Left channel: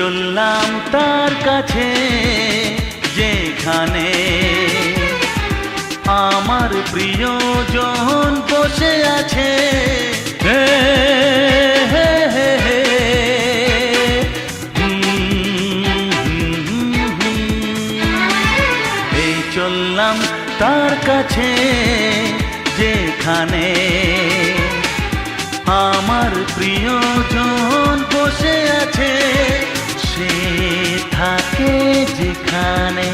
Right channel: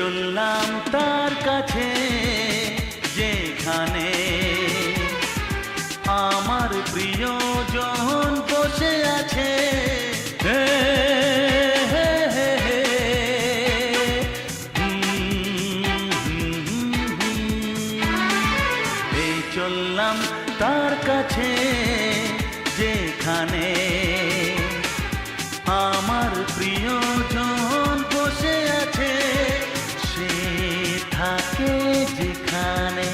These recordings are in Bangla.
চললাম তার কাছে যেখানে আমার প্রিয়জন বসে আছে। হে হে হে হে এই চললাম তার কাছে যেখানে আমার প্রিয়জন বসে আছে। সে থাকে যেখানে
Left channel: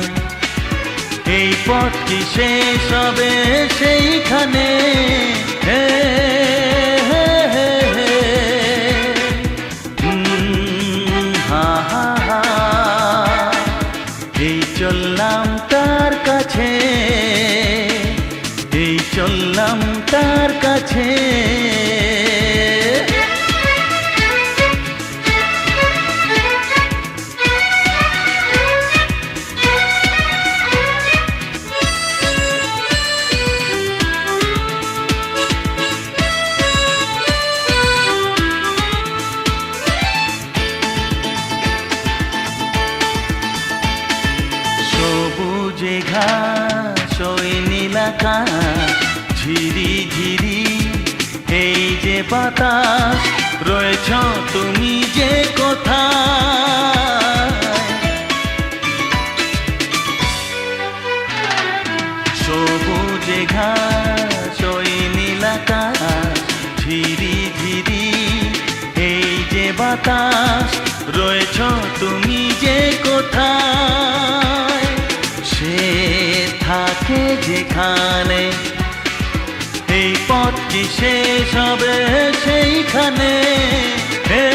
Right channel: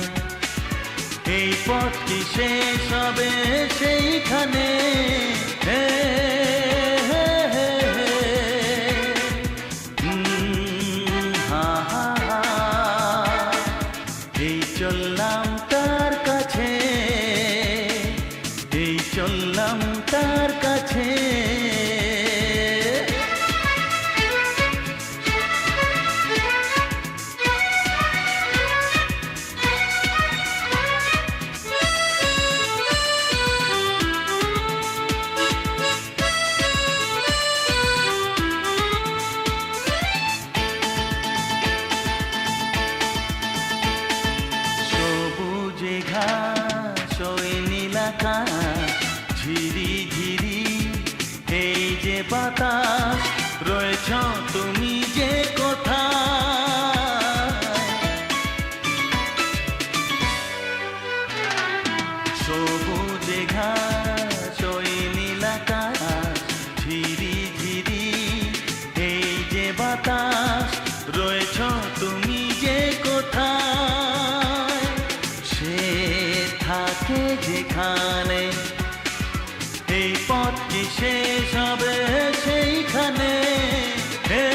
এই পথ কি শেষ হবে সেইখানে। হে হে হে হে হা হা হা এই চললাম তার কাছে, এই চললাম তার কাছে। সবুজে ঘাস ওই নীল আকাশ ঝিরি ঝিরি এই যে বাতাস রয়েছ তুমি যে কোথায়। সবুজে ঘাস ওই নীল আকাশ ঝিরি ঝিরি এই যে বাতাস রয়েছ তুমি যে কোথায়। সে থাকে যেখানে এই পথ কি শেষ হবে সেইখানে। হে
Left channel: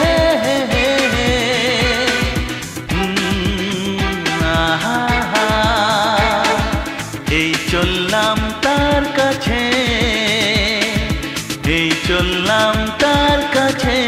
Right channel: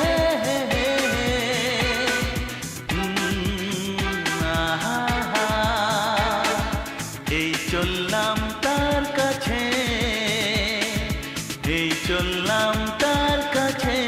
হে হে হে হে আহা হা এই চললাম তার কাছে, এই চললাম তার কাছে।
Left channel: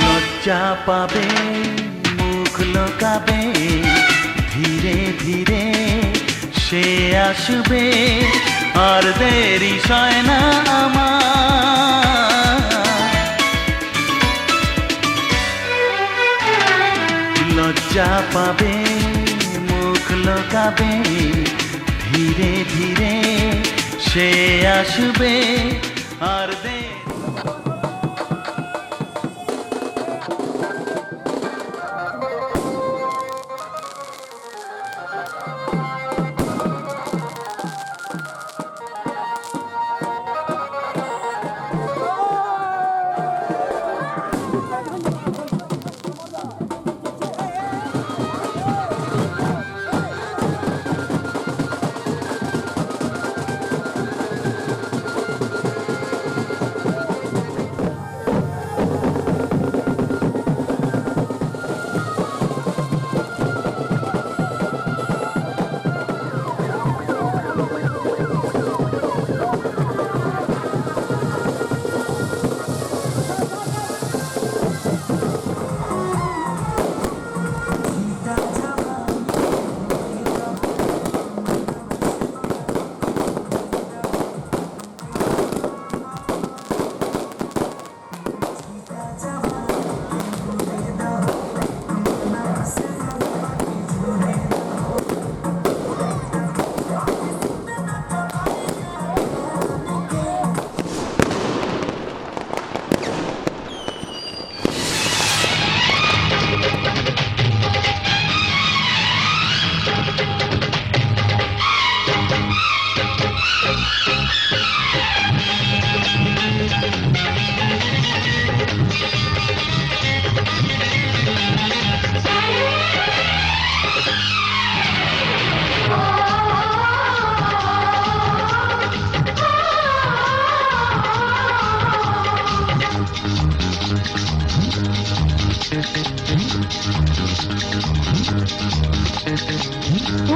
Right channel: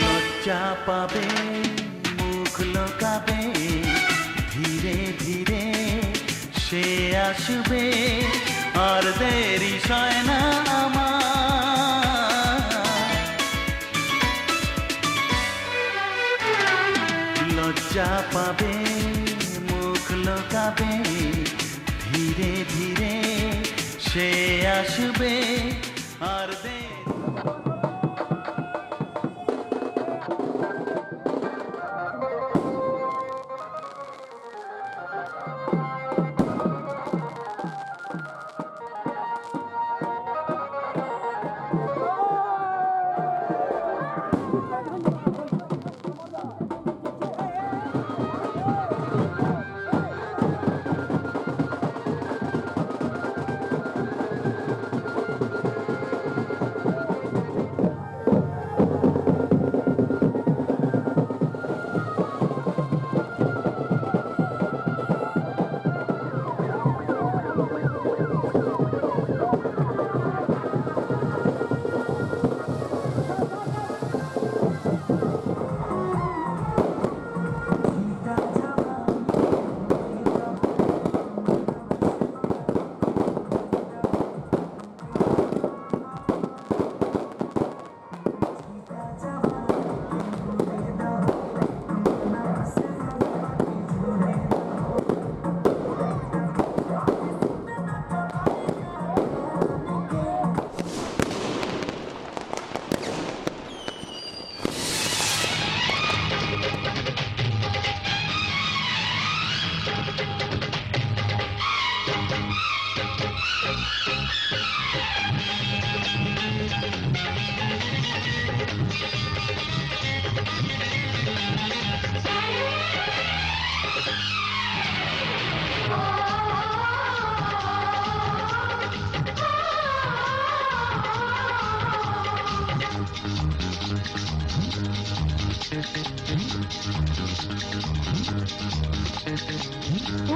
লজ্জা পাবে মুখ লোকাবে ধীরে ধীরে সে আসবে আর দেরি সয় না আমার। লজ্জা পাবে মুখ লোকাবে ধীরে ধীরে সে আসবে আর দেরি।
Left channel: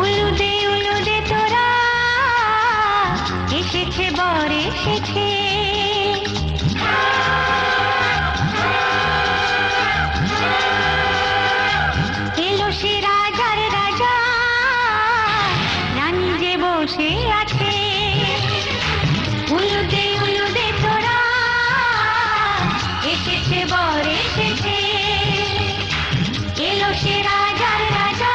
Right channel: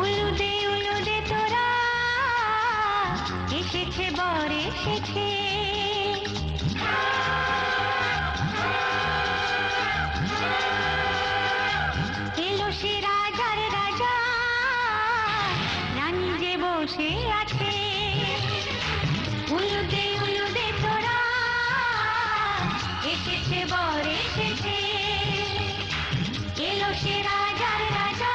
উলুদে তোরা এসেছে বর এসেছে, এলো সে রাজার রাজা, রানী যে বসে আছে। উলুদে তোরা এসেছে বর এসেছে, এলো সে রাজার রাজা,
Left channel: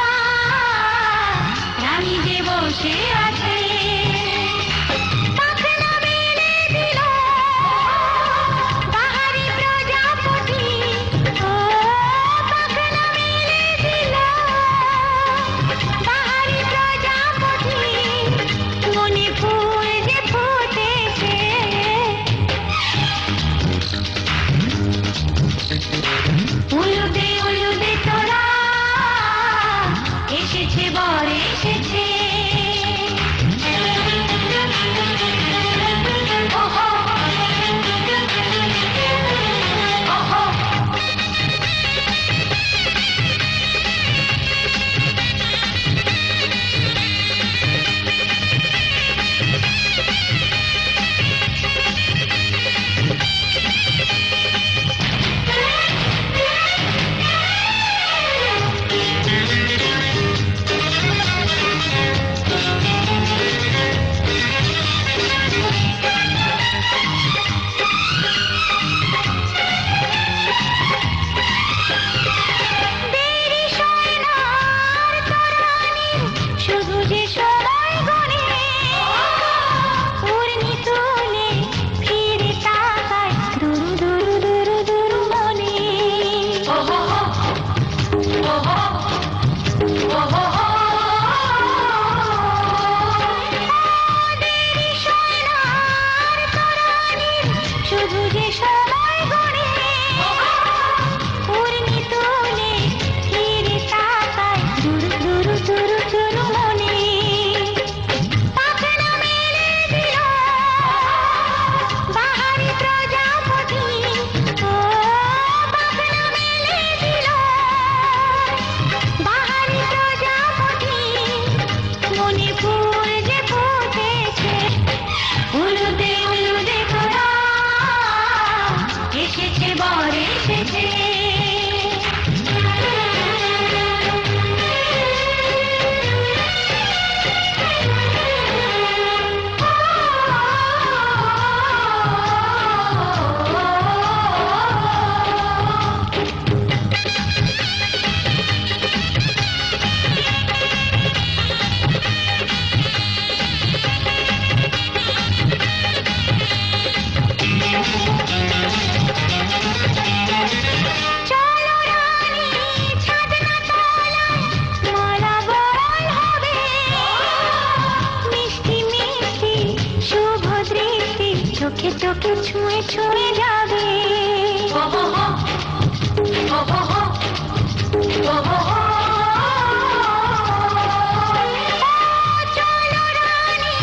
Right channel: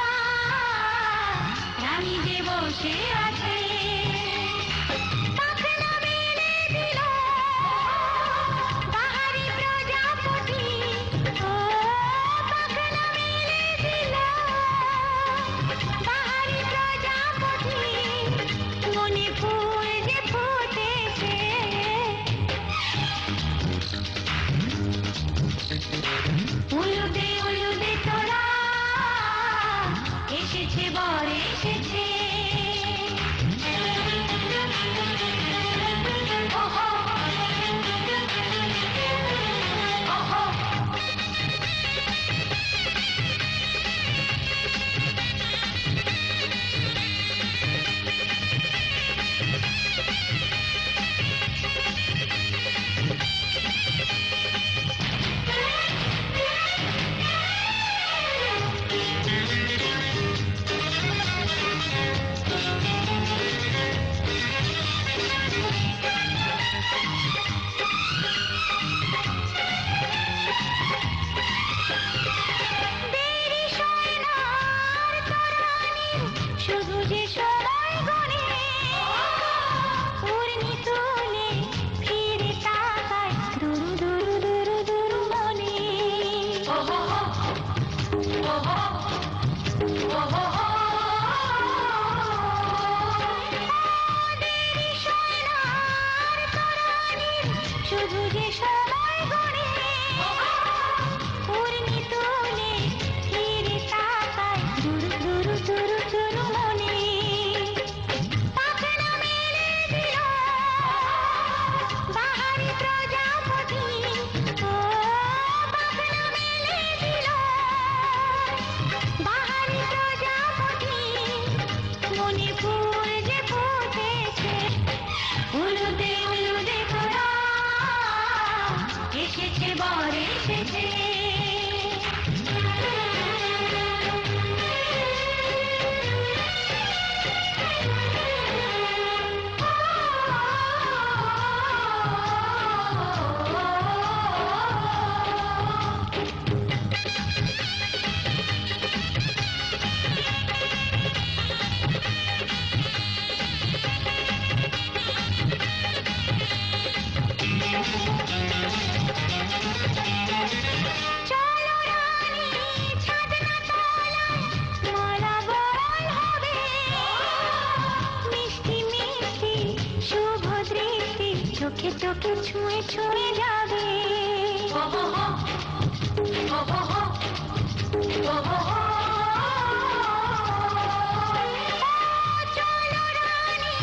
রানী যে বসে আছে। পাখনা মেলে দিল বাহারি প্রজাপতি, ও পাখনা মেলে দিল বাহারি প্রজাপতি, মনে ফুল যে ফুটেছে। উলুদে তোরা এসেছে বর এসেছে। ওহো ওহো শুধু যে সময় গনে, উর্মি তুলে ফিরে তাকায় দুরু দুরু দুরু দুরু মনে। ওহো ওহো ওহো দেরি সোনার তরানির শুধু যে সময় গনে, উর্মি তুলে ফিরে তাকায় দুরু দুরু দুরু দুরু মনে। পাখনা মেলে দিল বাহারি প্রজাপতি, ও পাখনা মেলে দিল বাহারি প্রজাপতি, মনে ফুল যে ফুটেছে। উলুদে তোরা এসেছে বর এসেছে। চলো রানী ছাদনা তলায় মালা বরণ হবে, মিষ্টি মিষ্টি শুভ দৃষ্টি চোখে চোখে ছুঁয়ে ছুঁয়ে যাবে। চলো রানী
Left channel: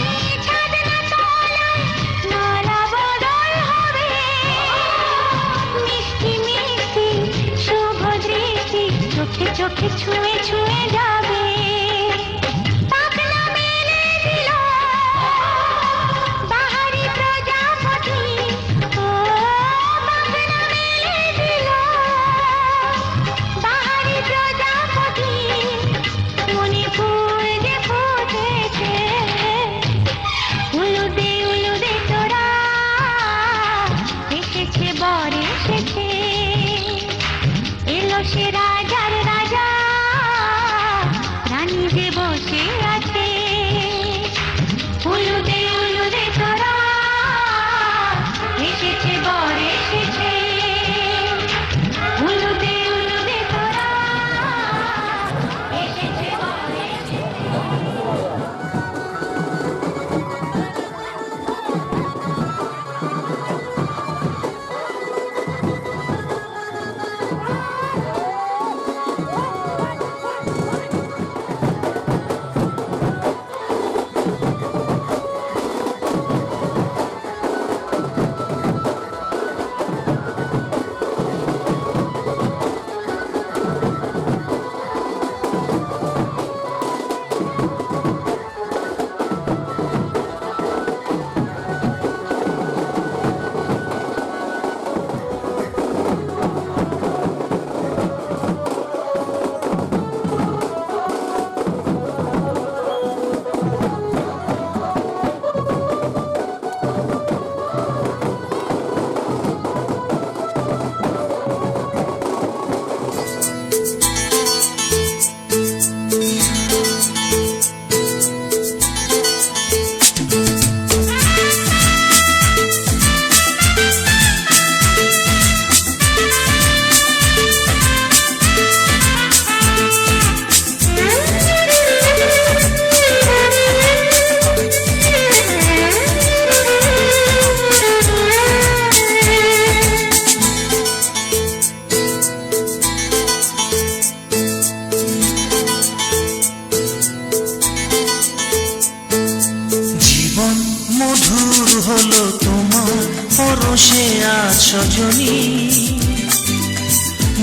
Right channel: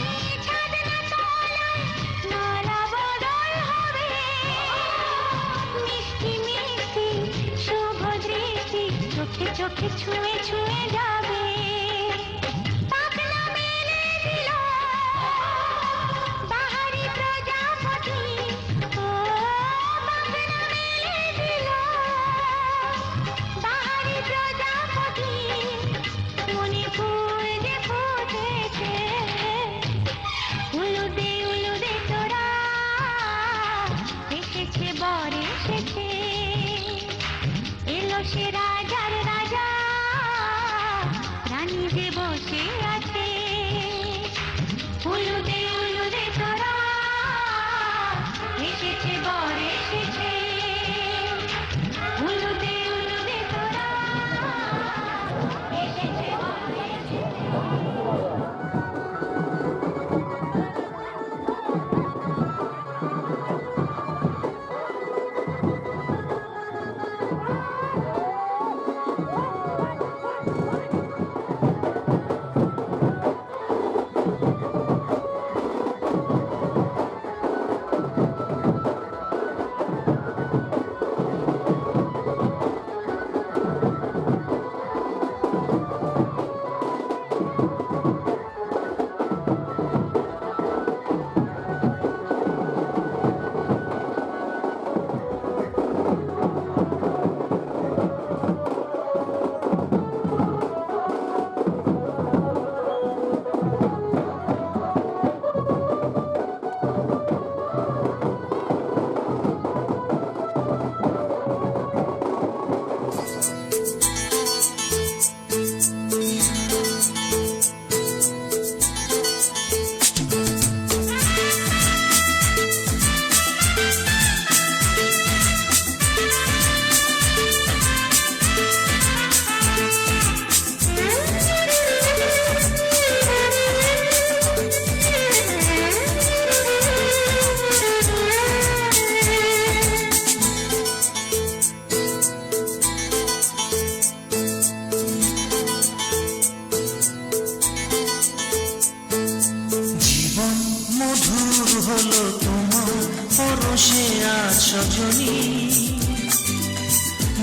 ছাদনা তলায় মালা বদল হবে, মিষ্টি মিষ্টি শুভ দৃষ্টি চোখে চোখে ছুঁয়ে ছুঁয়ে যাবে। পাখনা মেলে দিল বাহারি প্রজাপতি, ও পাখনা মেলে দিল বাহারি প্রজাপতি, মনে ফুল যে ফুটেছে। উলুদে তোরা এসেছে বর এসেছে, এলো সে রাজার রাজা, রানী যে বসে আছে। উলুদে তোরা এসেছে বর এসেছে। উলুদে তোরা এসেছে বর এসেছে।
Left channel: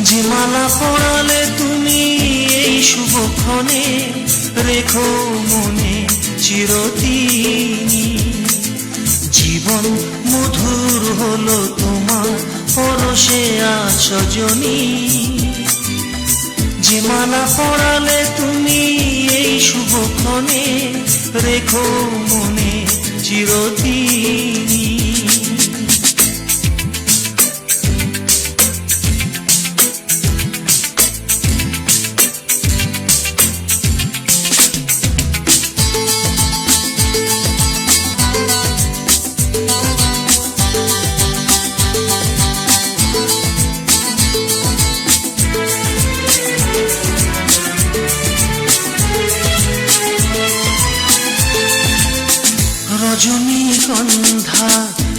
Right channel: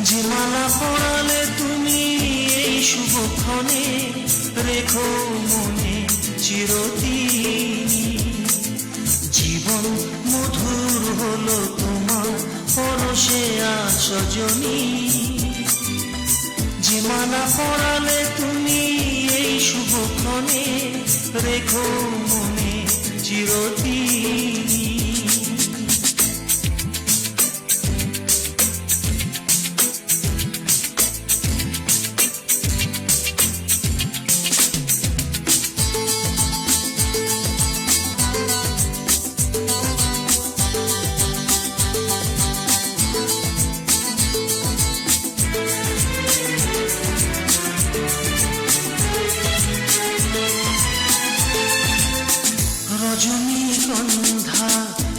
যে মালা পরালে তুমি এই শুভক্ষণে, রেখো মনে চিরদিন। জীবন মধুর হলো তোমার পরশে আজ সজনী। যে মালা পরালে তুমি এই শুভক্ষণে, রেখো মনে চিরদিন। রজনীগন্ধা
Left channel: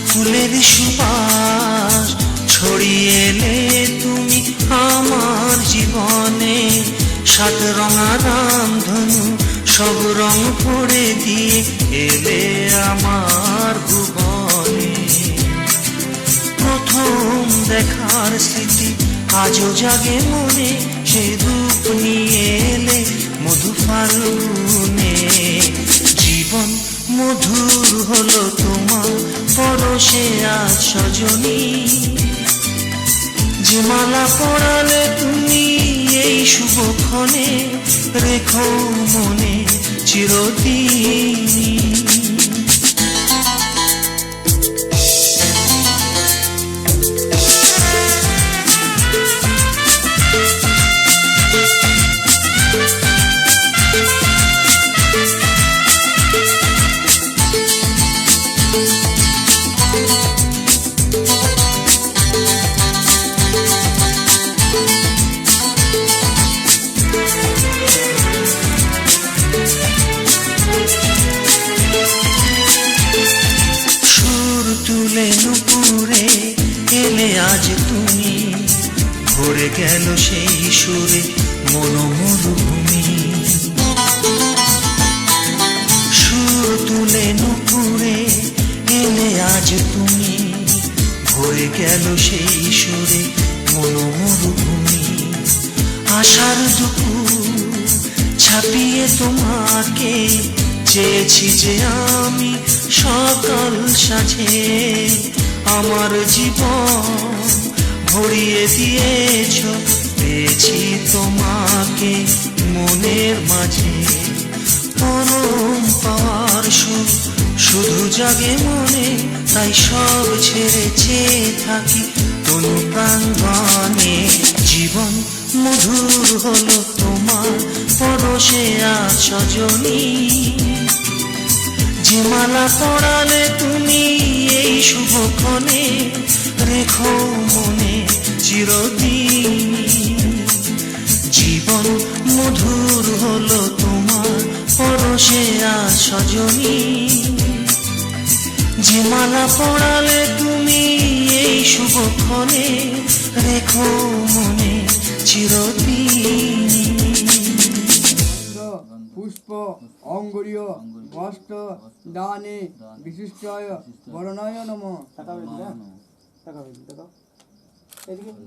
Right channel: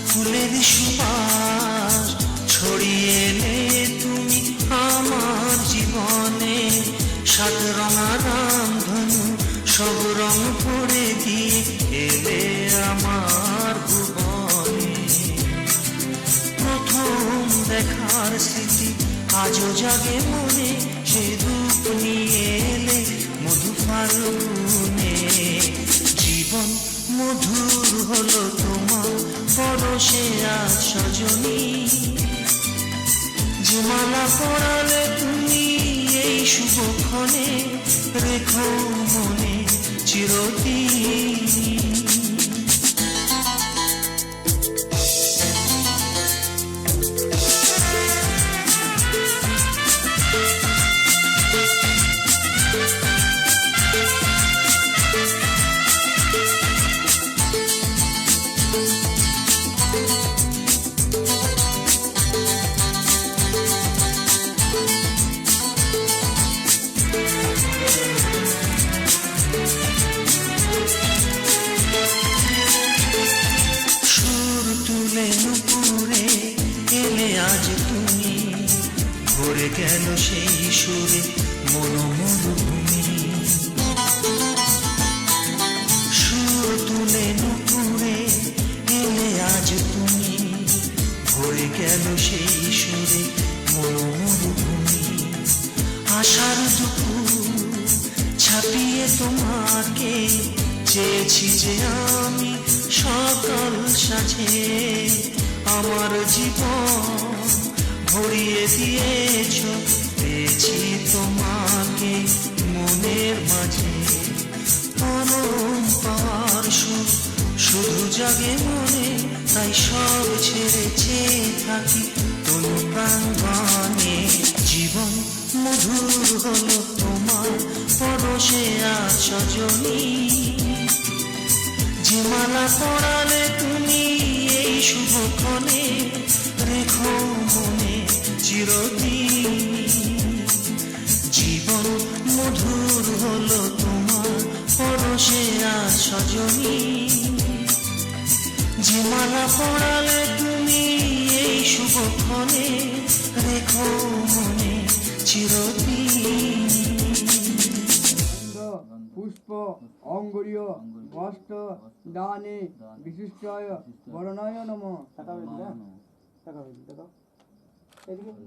ফুলের সুবাস ছড়িয়ে এলে তুমি আমার জীবনে। সাত রঙা রামধনু সব রং ভরে দিয়ে এলে আমার ভুবনে। প্রথম দেখার স্মৃতি আজও জাগে মনে, সে রূপ নিয়ে এলে মধু ফাল্গুনে। জীবন মধুর হলো তোমার পরশে আজ সজনী। যে মালা পরালে তুমি এই শুভক্ষণে, রেখো মনে চিরদিন। তুলে নুপুরে এলে আজ তুমি, ভরে গেল সেই সুরে মনোমরুভূমি। সুর তুলে নুপুরে এলে আজ তুমি, ভরে গেল সেই সুরে মনোমরুভূমি। আশার দুপুর ছাপিয়ে তোমাকে চেয়েছি যে আমি সকাল সাজে। আমার জীবন ভরিয়ে দিয়েছ, পেয়েছি তোমাকে মনের মাঝে। পরম পাওয়ার সুর শুধু জাগে মনে, তাই সব ছেড়ে চেয়ে থাকি তনু প্রাঙ্গণে। জীবন মধুর হলো তোমার পরশে আজ সজনী। যে মালা পরালে তুমি এই শুভক্ষণে, রেখো মনে চিরদিন। জীবন মধুর হলো তোমার পরশে আজ সজনী। যে মালা পরালে তুমি এই শুভক্ষণে, রেখো মনে চিরদিন। পুষ্প অঙ্গুরীয় বস্ত্র দানে বিশিষ্টায় বরণায় নমঃ।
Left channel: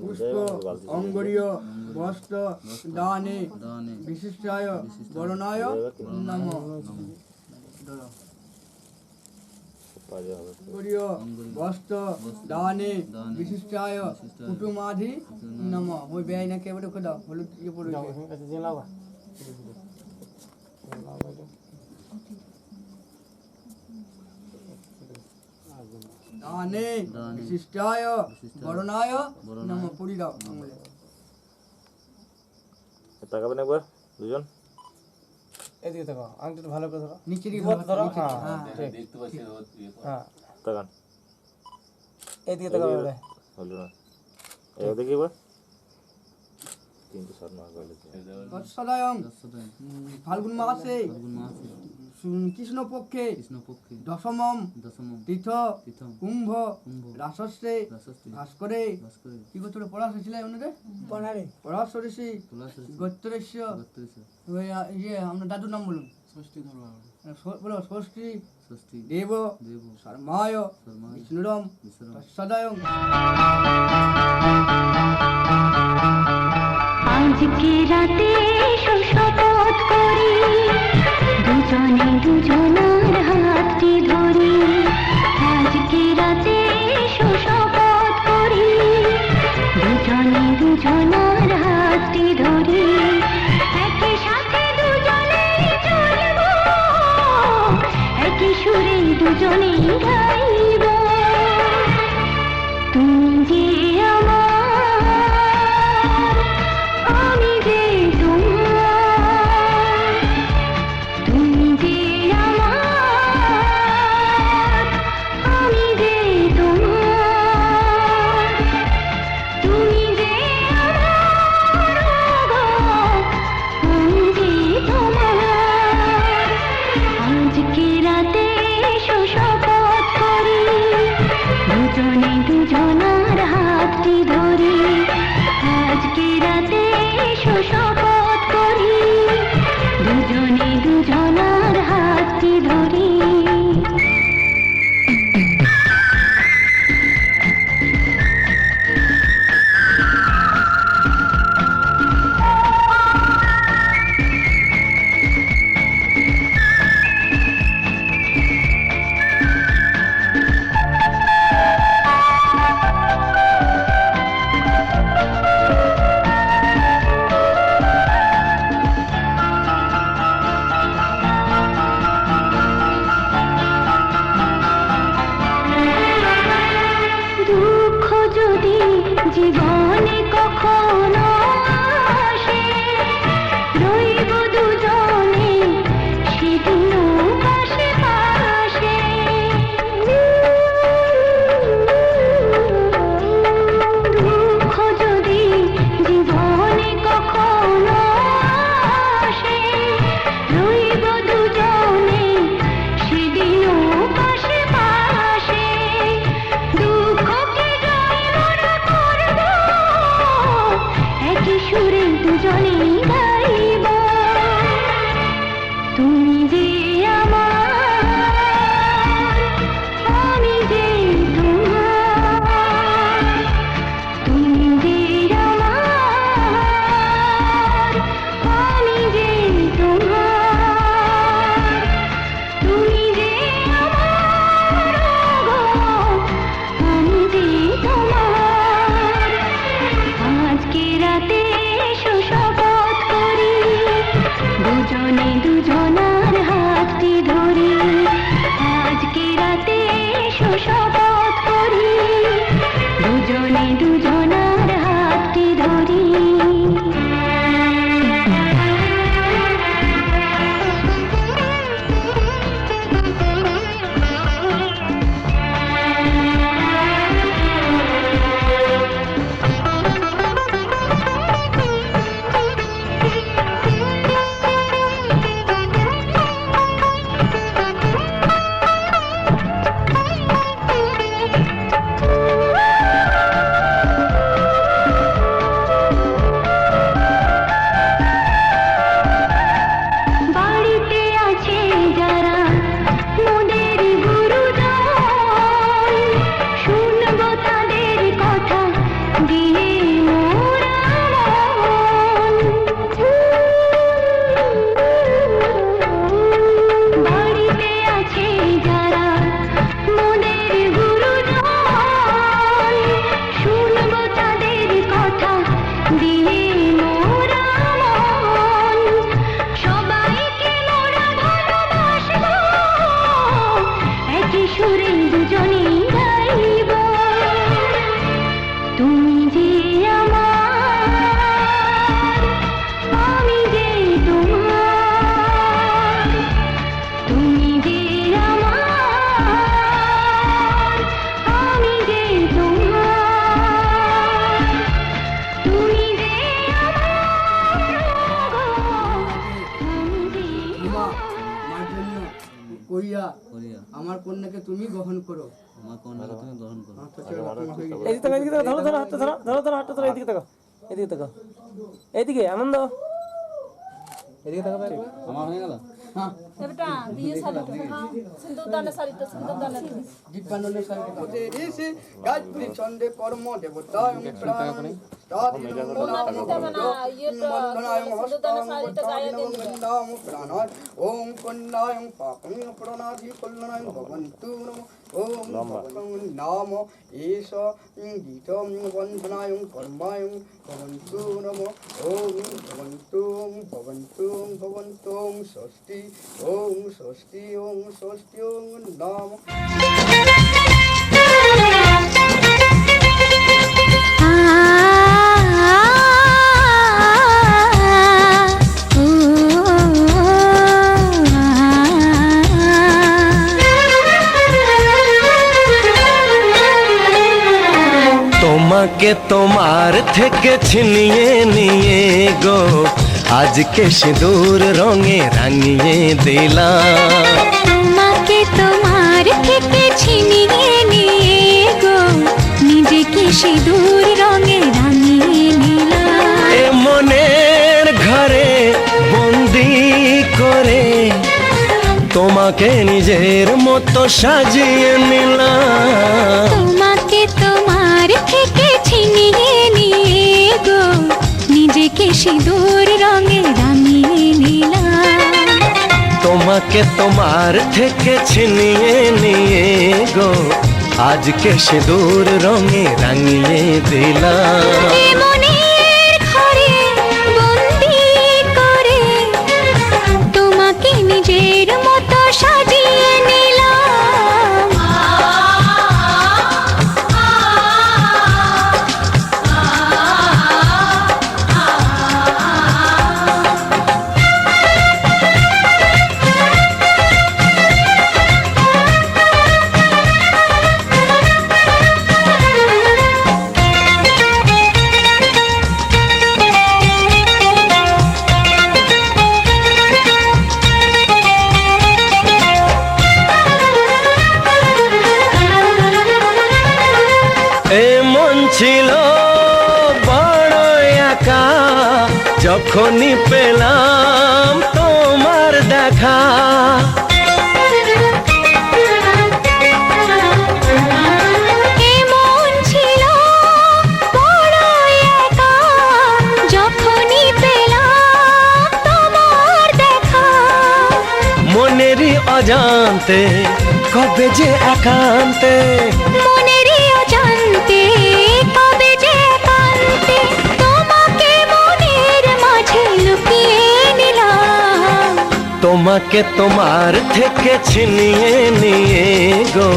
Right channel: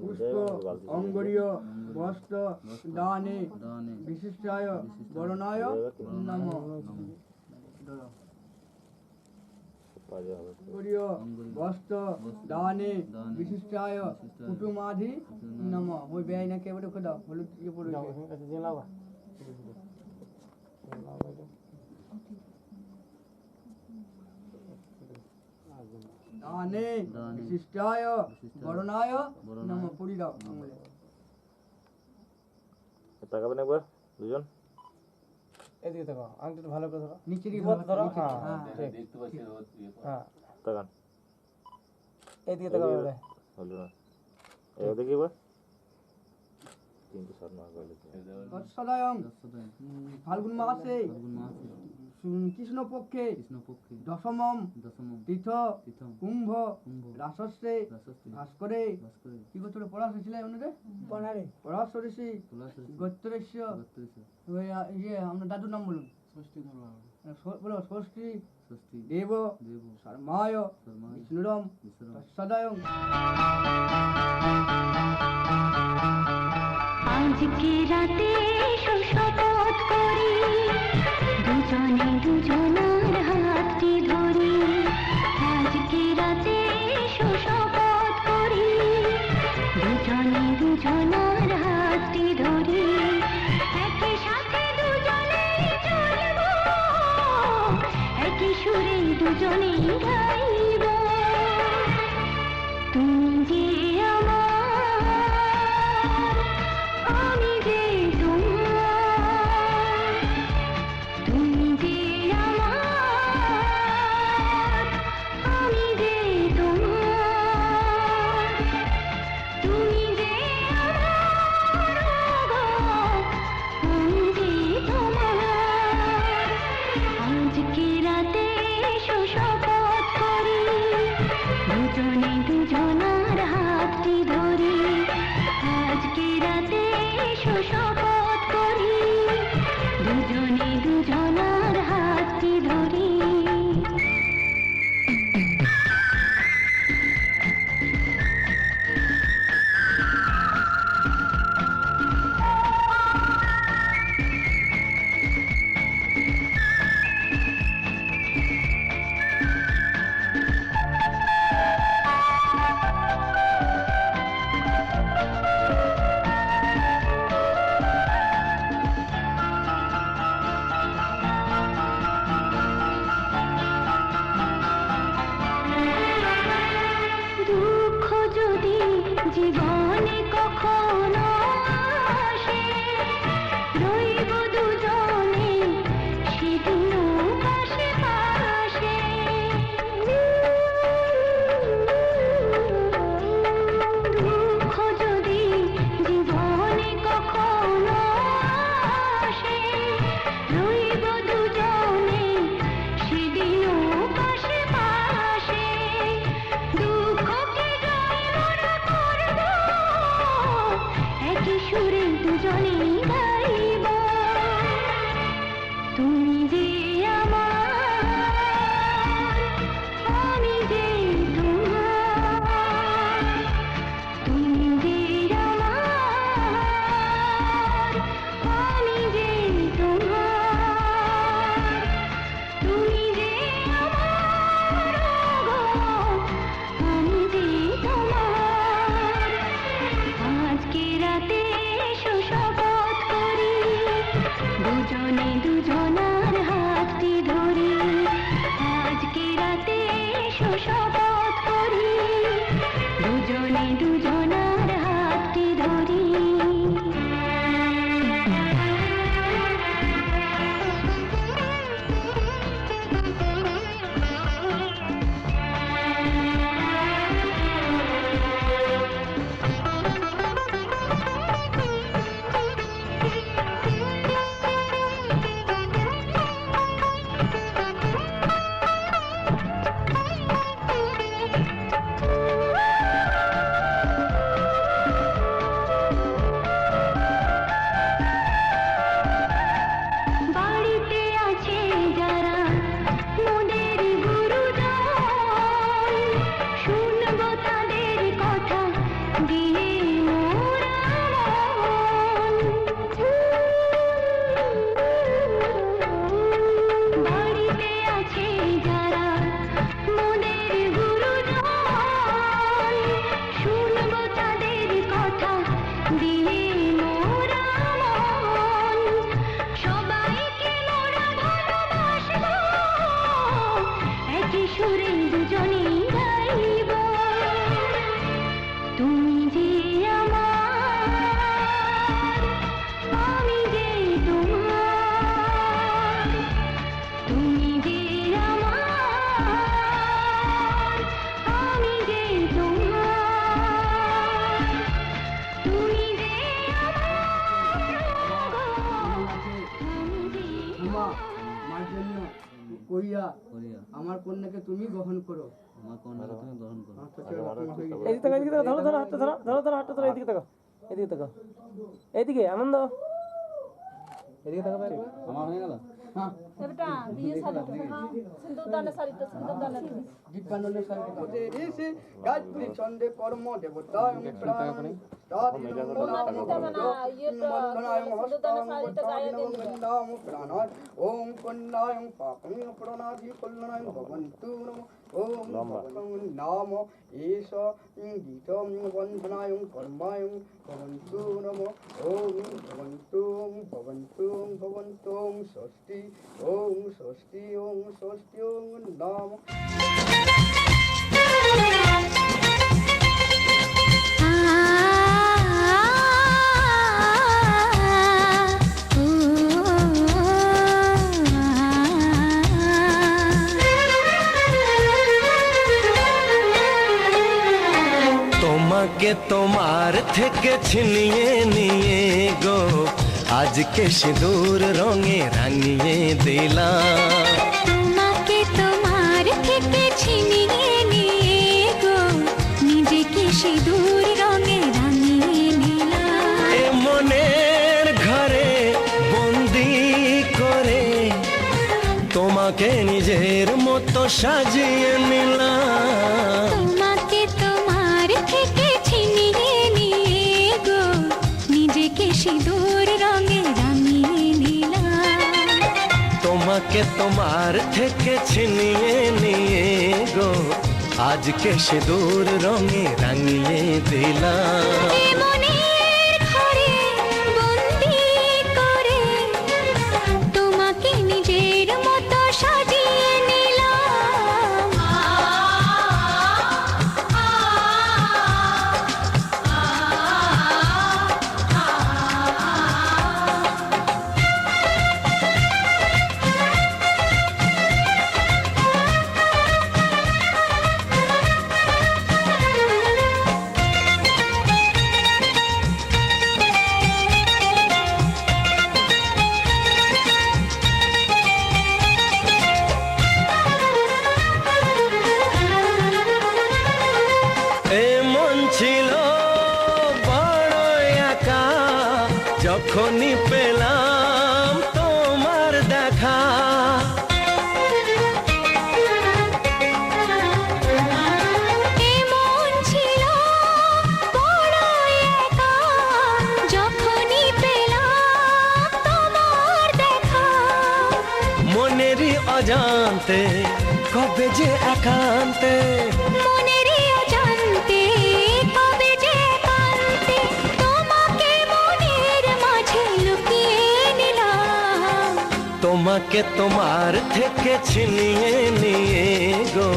পুষ্প অঙ্গুরীয় বস্ত্র দানে বিশিষ্টায় বরণায় নমঃ। অঙ্গুরীয় বস্ত্র দানে বিশিষ্টায় কুটুমাধি নমঃ। ওই ব্যয় না কেবল দাও হলুদ ইয়ে পড়ে দানে বিশিষ্টায় বরণায় নমঃ। পুরি দাও আঙুলে। তাকাবেন একবার দুজন। এদিকে দেখো, আংটিটা ভালো করে ধরো। নিচে দিকে ধরো, ধরো। হ্যাঁ, হ্যাঁ ঠিক। হ্যাঁ, তাকান। এদিকে দেখো বলে। হলো না। এই দেখি একবার। 307 মাস হলো। তৎসদয়ং ফাল্গুন মাসে কৃষ্ণ পক্ষে দশমম তীর্থ কুম্ভ রাসস্যে ভাস্করে কি গোত্রে পড়াশ ছিল ওনাদের পড়াশ ঋষি গোত্রেশ্য ইয়ে আমরা দাদুর নাম বলুন বলো ষষ্ঠী দেব শর্মায় বিষ্ণুরম তৎসদয়ং আজকে রাতে এসো শপথ করি দুজনে দুজনার হাতটি ধরি আজকে রাতে এসো শপথ করি দুজনে দুজনার হাতটি ধরি একই সাথে দুজনেই চলবো একই সুরে দুজনেই গাইব তুমি যে আমার আমি যে তোমার তুমি যে আমার আমি যে তোমার তুমি যে আমার আমি যে তোমার আজকে রাতে এসো শপথ করি দুজনে দুজনার হাতটি ধরি আজকে রাতে এসো শপথ করি দুজনে দুজনার হাতটি ধরি দুঃখ যদি জীবনে কখনো আসে রইব দুজনে সেদিনও পাশে পাশে দুঃখ যদি জীবনে কখনো আসে রইব দুজনে সেদিনও পাশে পাশে দুঃখকে জয় মোরা করব একই সুরে দুজনেই গাইব তুমি যে আমার আমি যে তোমার তুমি যে আমার আমি যে তোমার তুমি যে আমার আমি যে তোমার আজকে রাতে এসো শপথ করি দুজনে দুজনার হাতটি ধরি আজকে রাতে এসো শপথ করি দুজনে দুজনার হাতটি ধরি বাড়িতে আছে যারা মোদের গুরুজন শুনবো তাদের কথা দিয়ে মোরা মন বাড়িতে আছে যারা মোদের গুরুজন শুনবো তাদের কথা দিয়ে মোরা মন সবাইকে মোরা ভালোবাসবো একই সুরে দুজনেই গাইব তুমি যে আমার আমি যে তোমার তুমি যে আমার আমি যে তোমার তুমি যে আমার আমি যে তোমার কইয়া আমার কন্যাকে তুমি গ্রহণ করো আচ্ছা, চলো, তোমার হয়ে গেছে। এদিকে তাকাও, এদিকে তাকাও, ধরো ধরো হাতটা ধরো ধরো ধরো হাতটা ধরো এদিকে তাকাও এদিকে তাকাও এদিকে আনন্দ এদিকে তাকাও একবার। হ্যাঁ বেটা বিয়ে শাড়ি সিন্দুর দানের শাড়ি তো সিন্দুর দানের দীপানন্দের সাথে ঋষি গায়ত্রী ছন্দে পরম দেবতা প্রাণ ওম কন্যায়ং পাপং প্রণাধি কল্যাণং ভবন্তু নমঃ ওম নাম এষ গীতং বন্ধনায়ং কর্মায়ং ভবন্তু নমঃ ওম ভবন্তু ষষ্ঠী ওম ষষ্ঠী ওম নাম তোমাকে তোমার থেকে ছিনিয়ে নিয়ে গো আজকে সিঁদুর রঙে রাঙিয়ে দিলাম। তোমাকে তোমার থেকে ছিনিয়ে নিয়ে গো নিজেকে সিঁদুর রঙে রাঙিয়ে নিলাম। এ মনের ঘরে বন্দি করে তোমাকে নিজের মতো সাজিয়ে নিলাম। তোমাকে তোমার থেকে ছিনিয়ে নিয়ে গো নিজেকে সিঁদুর রঙে রাঙিয়ে নিলাম। তোমাকে তোমার থেকে ছিনিয়ে নিয়ে গো আজকে সিঁদুর রঙে রাঙিয়ে দিলাম। এ মনের ঘরে বন্দি করে তোমাকে নিজের মতো সাজিয়ে নিলাম। এ মন ছিল বড় একা যখনই পেলাম তোমার দেখা। এ মন ছিল বড় একা যখনই পেলাম তোমার দেখা। মনেরই অজান্তে কবে যে একান্তে মনেরই অজান্তে কবে যে একান্তে তোমাকে মনের মাঝে লুকিয়ে নিলাম। তোমাকে তোমার থেকে ছিনিয়ে নিয়ে গো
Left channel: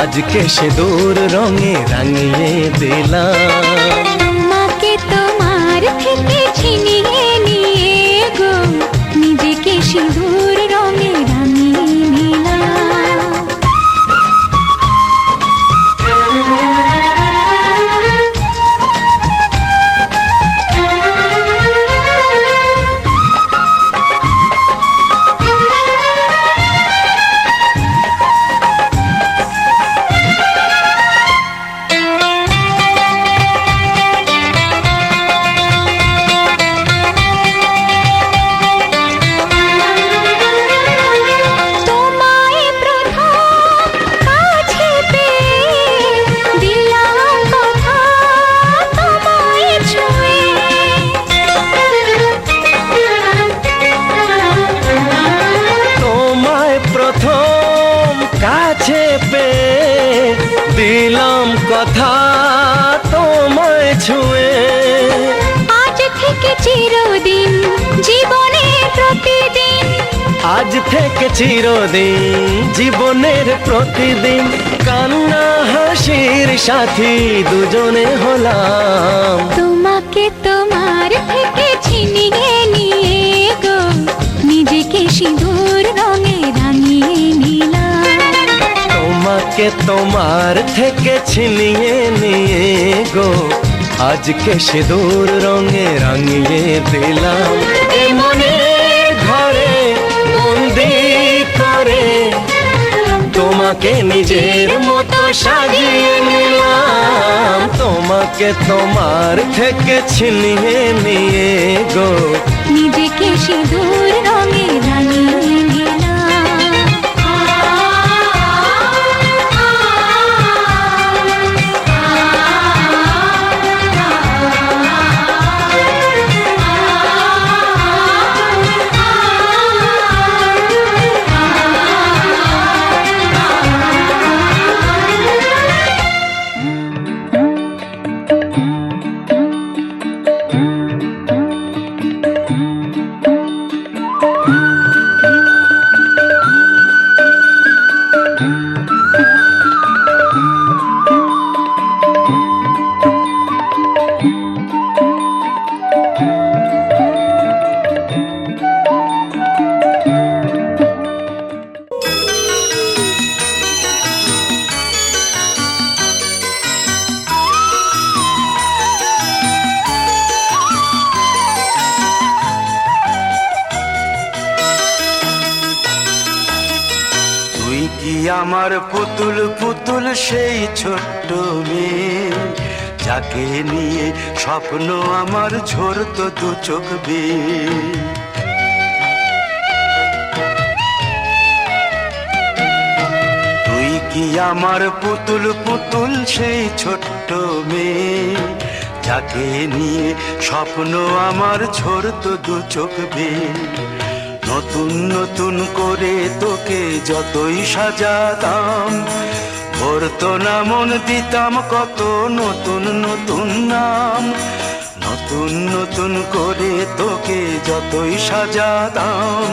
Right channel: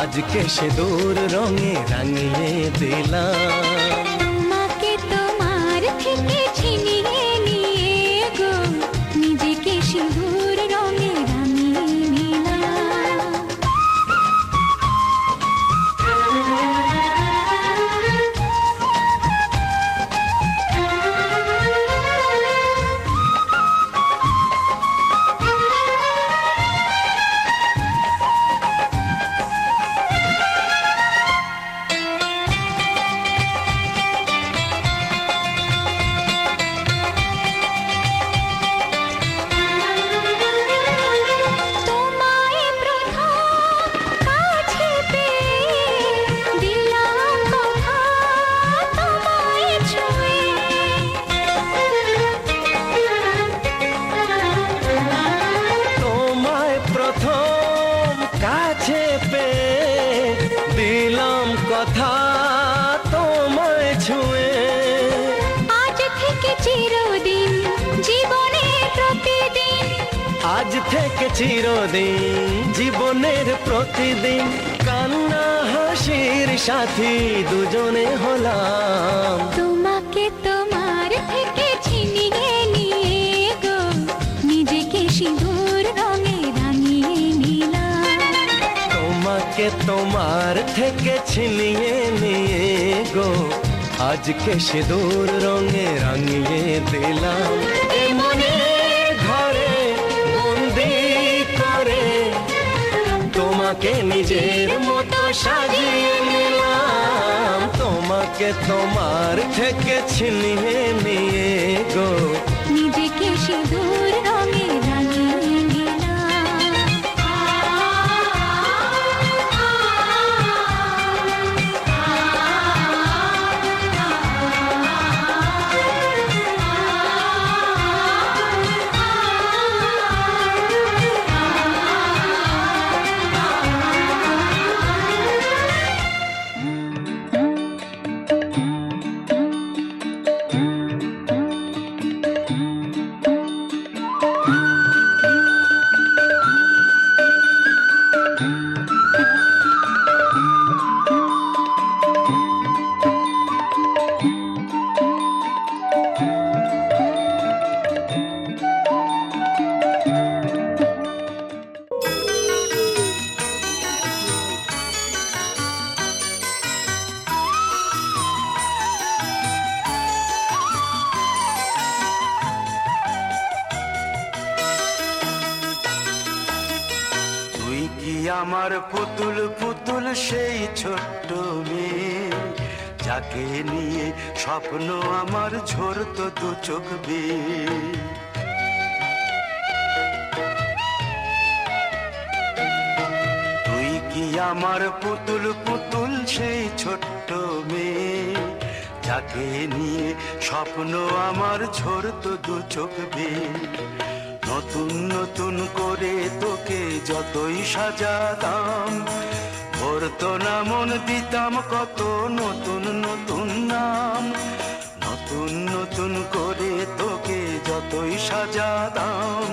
আজকে সিঁদুর রঙে রাঙিয়ে দিলাম। তোমাকে তোমার থেকে ছিনিয়ে নিয়ে গো নিজেকে সিঁদুর রঙে রাঙিয়ে নিলাম। তোমায় প্রথম কাছে পেয়ে দিলাম কথা তোমায় ছুঁয়ে। তোমায় প্রথম কাছে পেয়ে দিলাম কথা তোমায় ছুঁয়ে। আজ থেকে চিরদিন জীবনের প্রতিদিন আজ থেকে চিরদিন জীবনের প্রতিদিন কান্না হাসির সাথী দুজনে হলাম। তোমাকে তোমার থেকে ছিনিয়ে নিয়ে গো নিজেকে সিঁদুর রঙে রাঙিয়ে নিলাম। তোমাকে তোমার থেকে ছিনিয়ে নিয়ে গো আজকে সিঁদুর রঙে রাঙিয়ে দিলাম। এ মনের ঘরে বন্দি করে তোমাকে নিজের মতো সাজিয়ে নিলাম। তোমাকে তোমার থেকে ছিনিয়ে নিয়ে গো নিজেকে সিঁদুর রঙে রাঙিয়ে নিলাম। আমার পুতুল পুতুল সেই ছোট্ট মেয়ে, যাকে নিয়ে স্বপ্ন আমার ঝরতো দু চোখ বেয়ে। তুই কি আমার পুতুল পুতুল সেই ছোট্ট মেয়ে, যাকে নিয়ে স্বপ্ন আমার ঝরতো দু চোখ বেয়ে। নতুন নতুন করে তোকে যতই সাজাতাম, ভরতো না মন, দিতাম কত নতুন নতুন নাম। নতুন নতুন করে তোকে যতই সাজাতাম,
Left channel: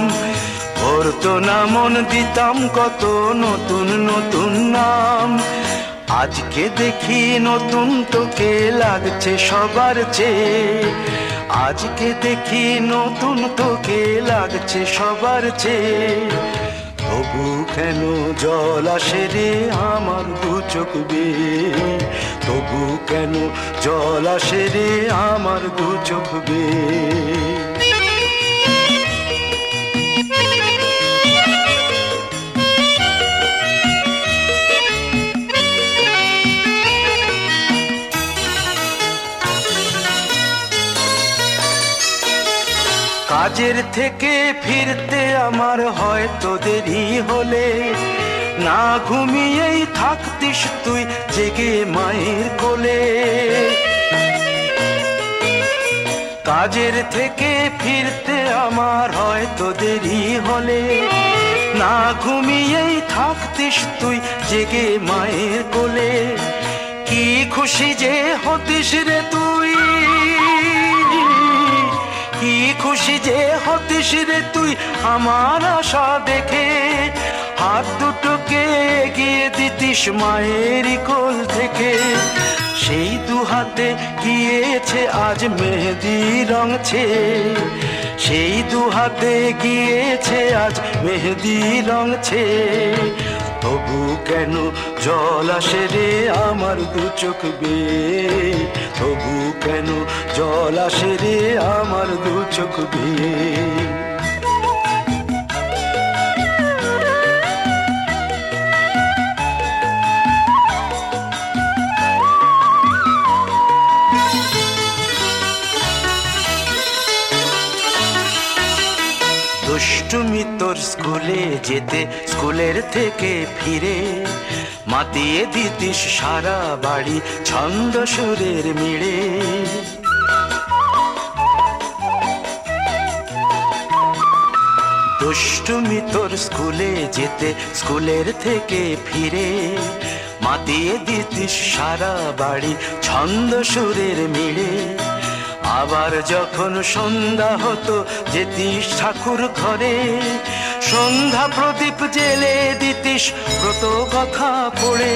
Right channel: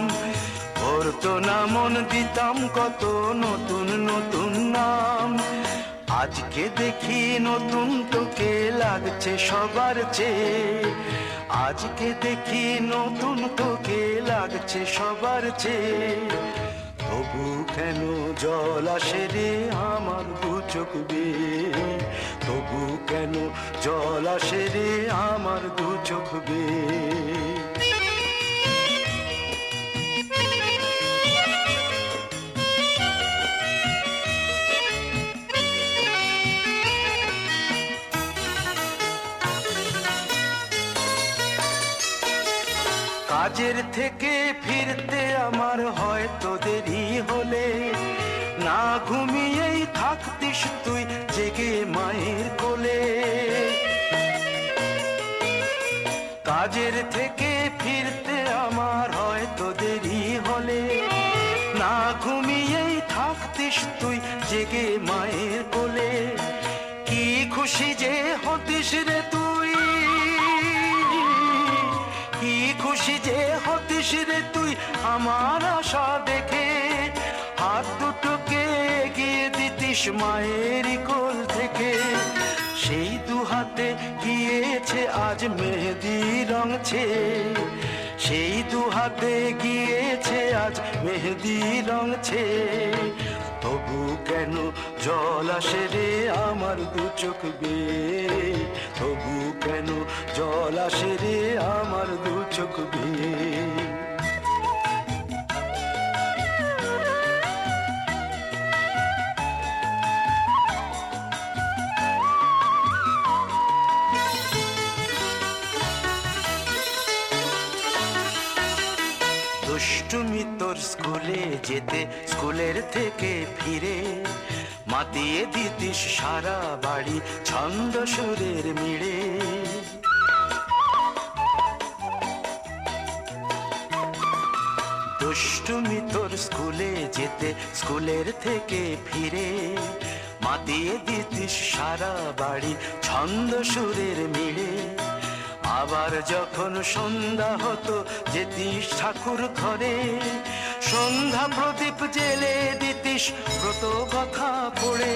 ভরতো না মন, দিতাম কত নতুন নতুন নাম। আজকে দেখি নতুন তোকে লাগছে সবার চেয়ে, আজকে দেখি নতুন তোকে লাগছে সবার চেয়ে। তবু কেন জল আসে রে আমার দু চোখ বেয়ে, তবু কেন জল আসে রে আমার দু চোখ বেয়ে। কাজের থেকে ফিরতে আমার হয়তো দেরি হলে, না ঘুমিয়েই থাকতিস তুই জেগে মায়ের কোলে। কাজের থেকে ফিরতে আমার হয়তো দেরি হলে, না ঘুমিয়েই থাকতিস তুই জেগে মায়ের কোলে। কি খুশি যে হতিস রে তুই, কি খুশি যে হতিস রে তুই আমার আশা দেখে। হাত দুটোকে এগিয়ে দিতিস মায়ের কোল থেকে, সেই দু হাতে গিয়েছে আজ মেহেদি রং ছেয়ে। সেই দু হাতে গিয়েছে আজ মেহেদি রং ছেয়ে। তবু কেন জল আসে রে আমার দু চোখ বেয়ে, তবু কেন জল আসে রে আমার দু চোখ বেয়ে। দুষ্টুমি তোর স্কুলে যেতে, স্কুলের থেকে ফিরে মাতিয়ে দিতিস সারা বাড়ি ছন্দ সুরের মিড়ে। দুষ্টুমি তোর স্কুলে যেতে, স্কুলের থেকে ফিরে মাতিয়ে দিতিস সারা বাড়ি ছন্দ সুরের মিড়ে। আবার যখন সন্ধ্যা হতো যেতিস ঠাকুর ঘরে, সন্ধ্যা প্রদীপ জেলে দিতিস ব্রত কথা পড়ে।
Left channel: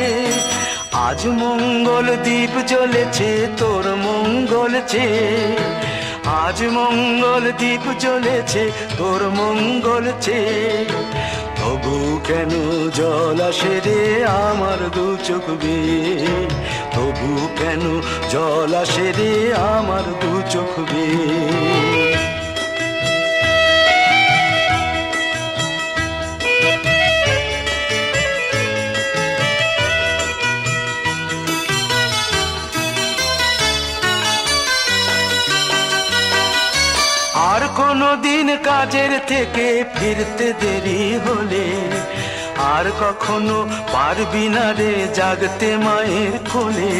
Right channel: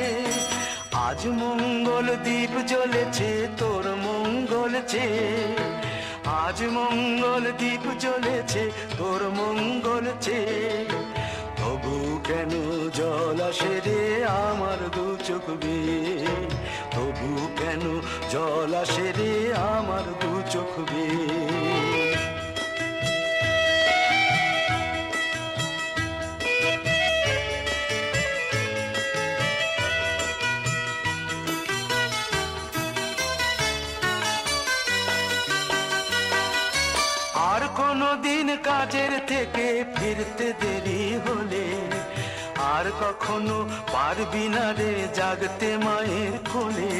আজ মঙ্গল দ্বীপ জ্বলেছে তোর মঙ্গল চেয়ে, আজ মঙ্গল দ্বীপ জ্বলেছে তোর মঙ্গল চেয়ে। তবু কেন জল আসে রে আমার দু চোখ বেয়ে, তবু কেন জল আসে রে আমার দু চোখ বেয়ে। আর কোনো দিন কাজের থেকে ফিরতে দেরি হলে, আর কখনো পারবি না রে জাগতে মায়ের কোলে।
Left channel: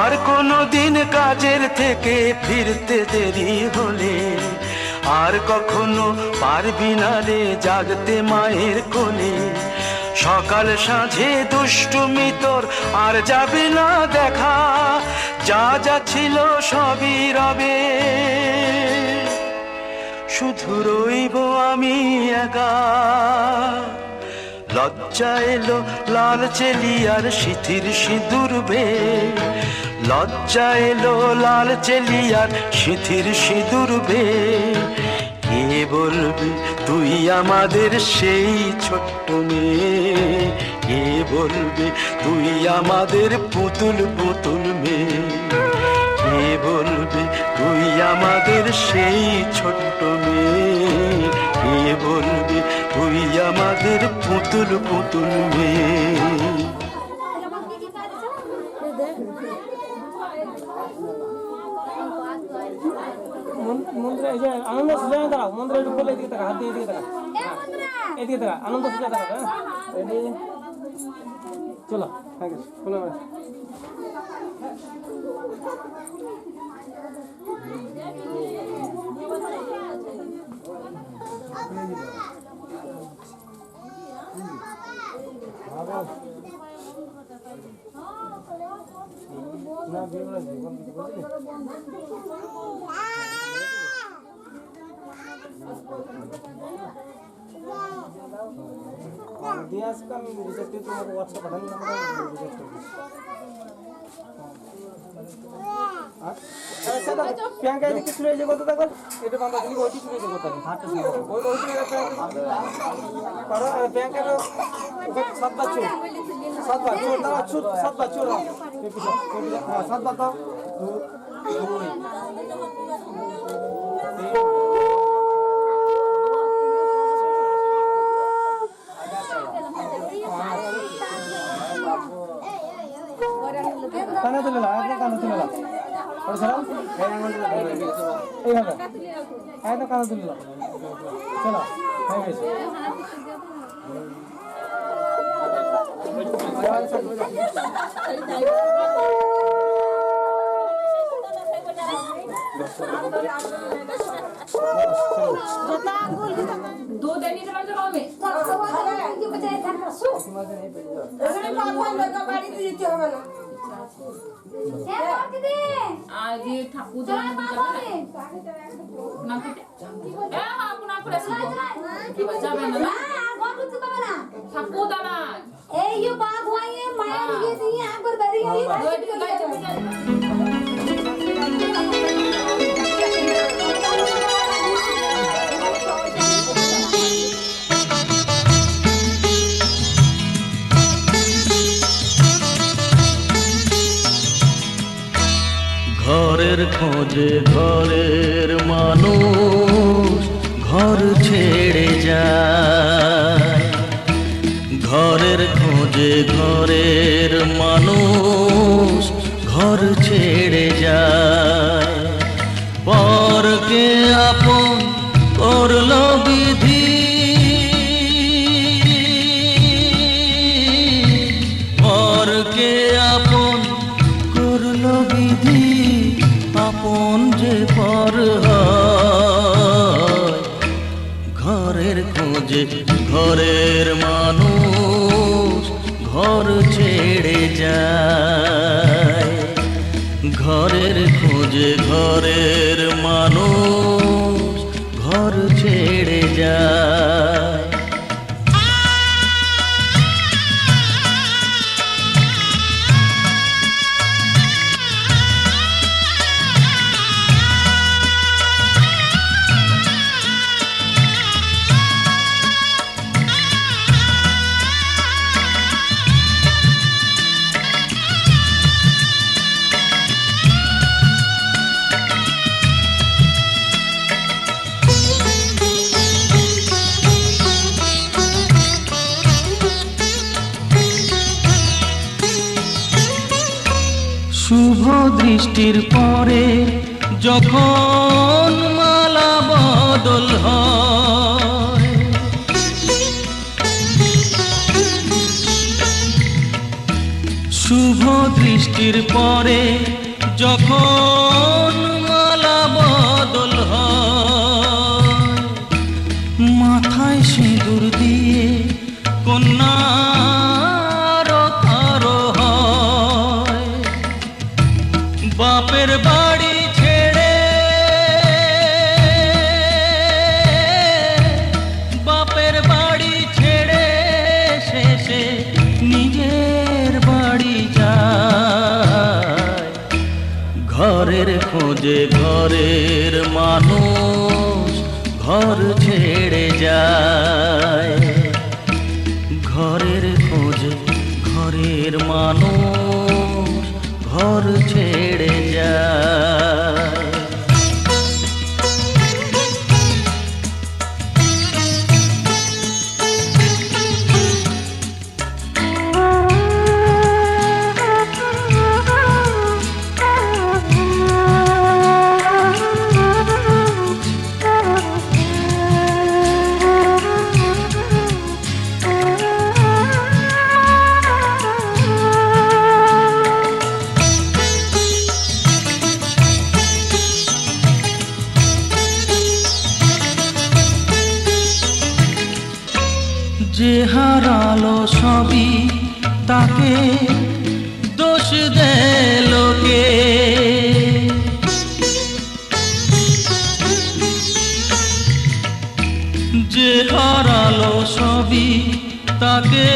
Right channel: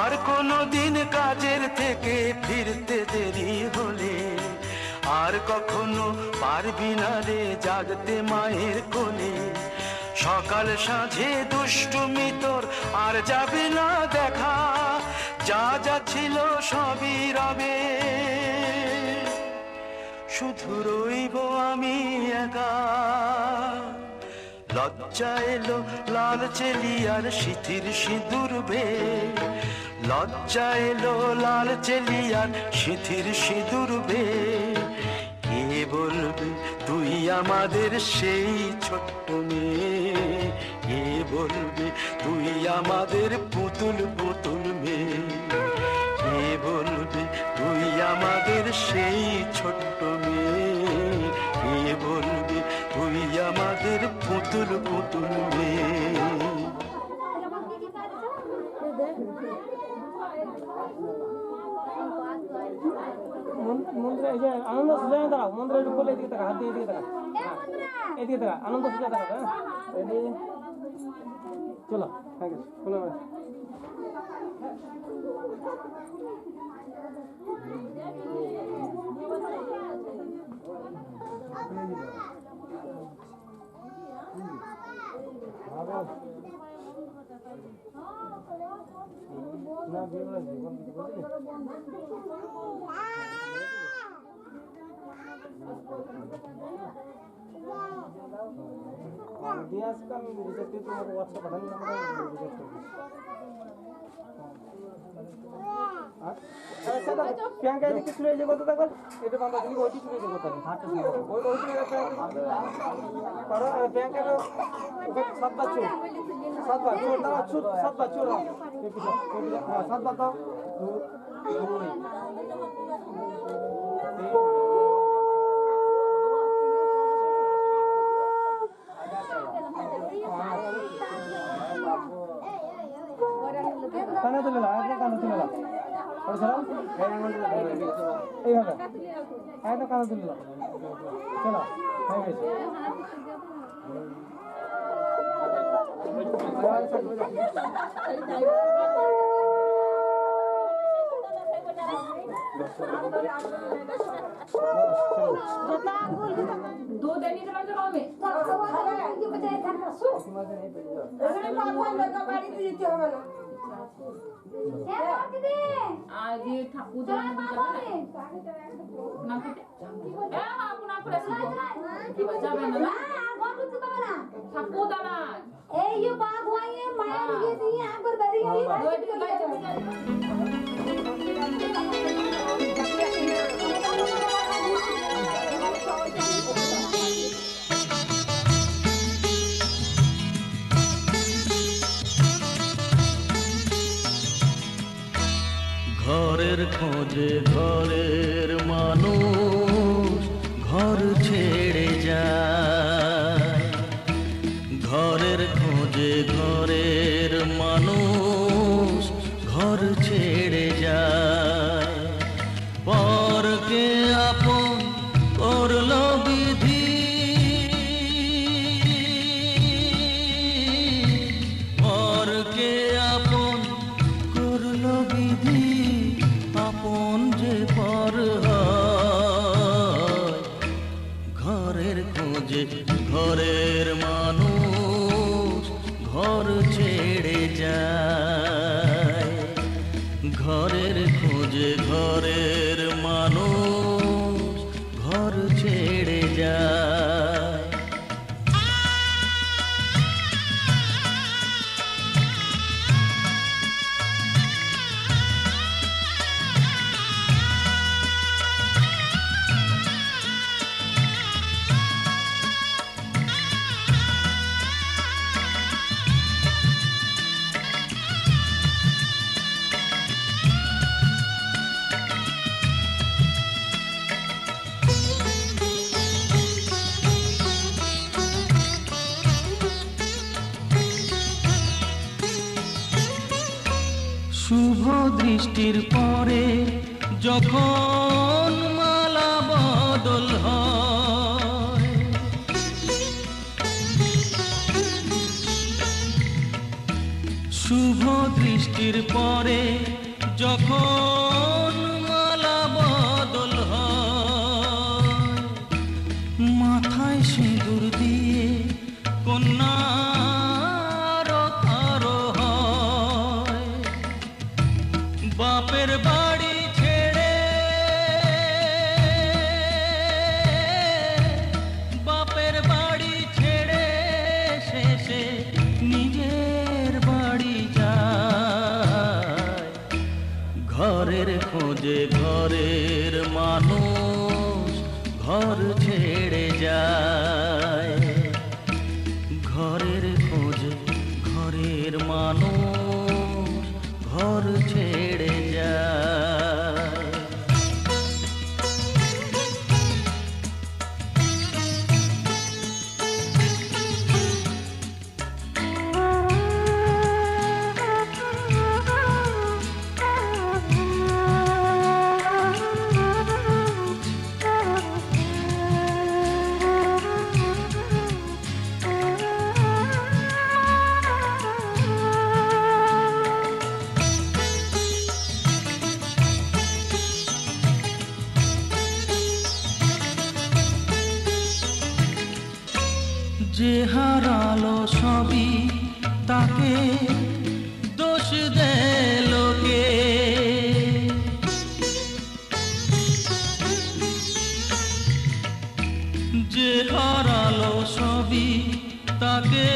আর কোনো দিন কাজের থেকে ফিরতে দেরি হলে, আর কখনো পারবি না রে জাগতে মায়ের কোলে। সকাল সাঁঝে দুষ্টুমি তোর আর যাবে না দেখা, যা যা ছিল সবই রবে, শুধু রইব আমি একা। লজ্জা এলো লাল চেলিয়ার সিথির সিঁদুর বে, লজ্জা এলো লাল চেলিয়ার সিথির সিঁদুর বে। কে বলবে তুই আমাদের সেই ছোট্ট মেয়ে, কে বলবে তুই আমাদের পুতুল পুতুল মেয়ে। কে বলবে তুই আমাদের সেই ছোট্ট মেয়ে, গিয়ে বলবি তুই আমাদের পুতুল পুতুল মেয়ে। মন্দিরে এই যে আনন্দ সুজয় দাঁড়াও, মন্দিরে একটু বলে এদিকে টাকা, হাত দিয়ে এদিকে টাকা, এদিকে টাকা, আনন্দ সুজয় টাকা, হ্যাঁ রেডি চলো, হ্যাঁ খোলো। দিয়ে আসবে, আমি রিচার্জ করে তোমাকে হোয়াটসঅ্যাপ পাঠান নাম্বার রিচার্জ করে দিচ্ছি। আচ্ছা দাদা প্রিয়াঙ্কা এদিকে শুরু হয়েছে কত টাকা এটা বাবা তুমি ওইটি শুরু হয়েছে কত হাতটা শুরু ওই ওইটি পারো প্রিয়াঙ্কা 7 চুর 7 চুর দাও চুর 7 চুর হ্যাঁ 7 দাও 2 কানা তুলে না একদম কানা তুলে না और सलाम এই হবে একদম কানা তুলে না চলো হয়ে গেছে दो दिन ही रह जाओ में आज ये ठाकुर जाने ना पिटे ए हां पुना करे की बच्चा बना ना ठाकुर दाना ए ये बाग हुआ ये माया ये नहीं है पर बड़ी है ঘরের খোঁজে ঘরের মানুষ ঘর ছেড়ে যায়, ঘরের খোঁজে ঘরের মানুষ ঘর ছেড়ে যায়, পরকে আপন করলো বিধি, পরকে আপন করলো বিধি, আপন যে পর হয়, ঘরের খোঁজে ঘরের মানুষ ঘর ছেড়ে যায়, ঘরের খোঁজে ঘরের মানুষ ঘর ছেড়ে যায়। শুভ দৃষ্টির পরে যখন মালা বদল হয়, শুভ দৃষ্টির পরে যখন মালা বদল হয়, মাথায় সিঁদুর দিয়ে কন্যা বাপের বাড়ি ছেড়ে, বাপের বাড়ি ছেড়ে শেষে নিজের বাড়ি যায়, ঘরের খোঁজে ঘরের মানুষ ঘর ছেড়ে যায়, ঘরের খোঁজে ঘরের মানুষ ঘর ছেড়ে যায়। তাকে দোষ দেয় লোকে। যে হারালো সবই তাকে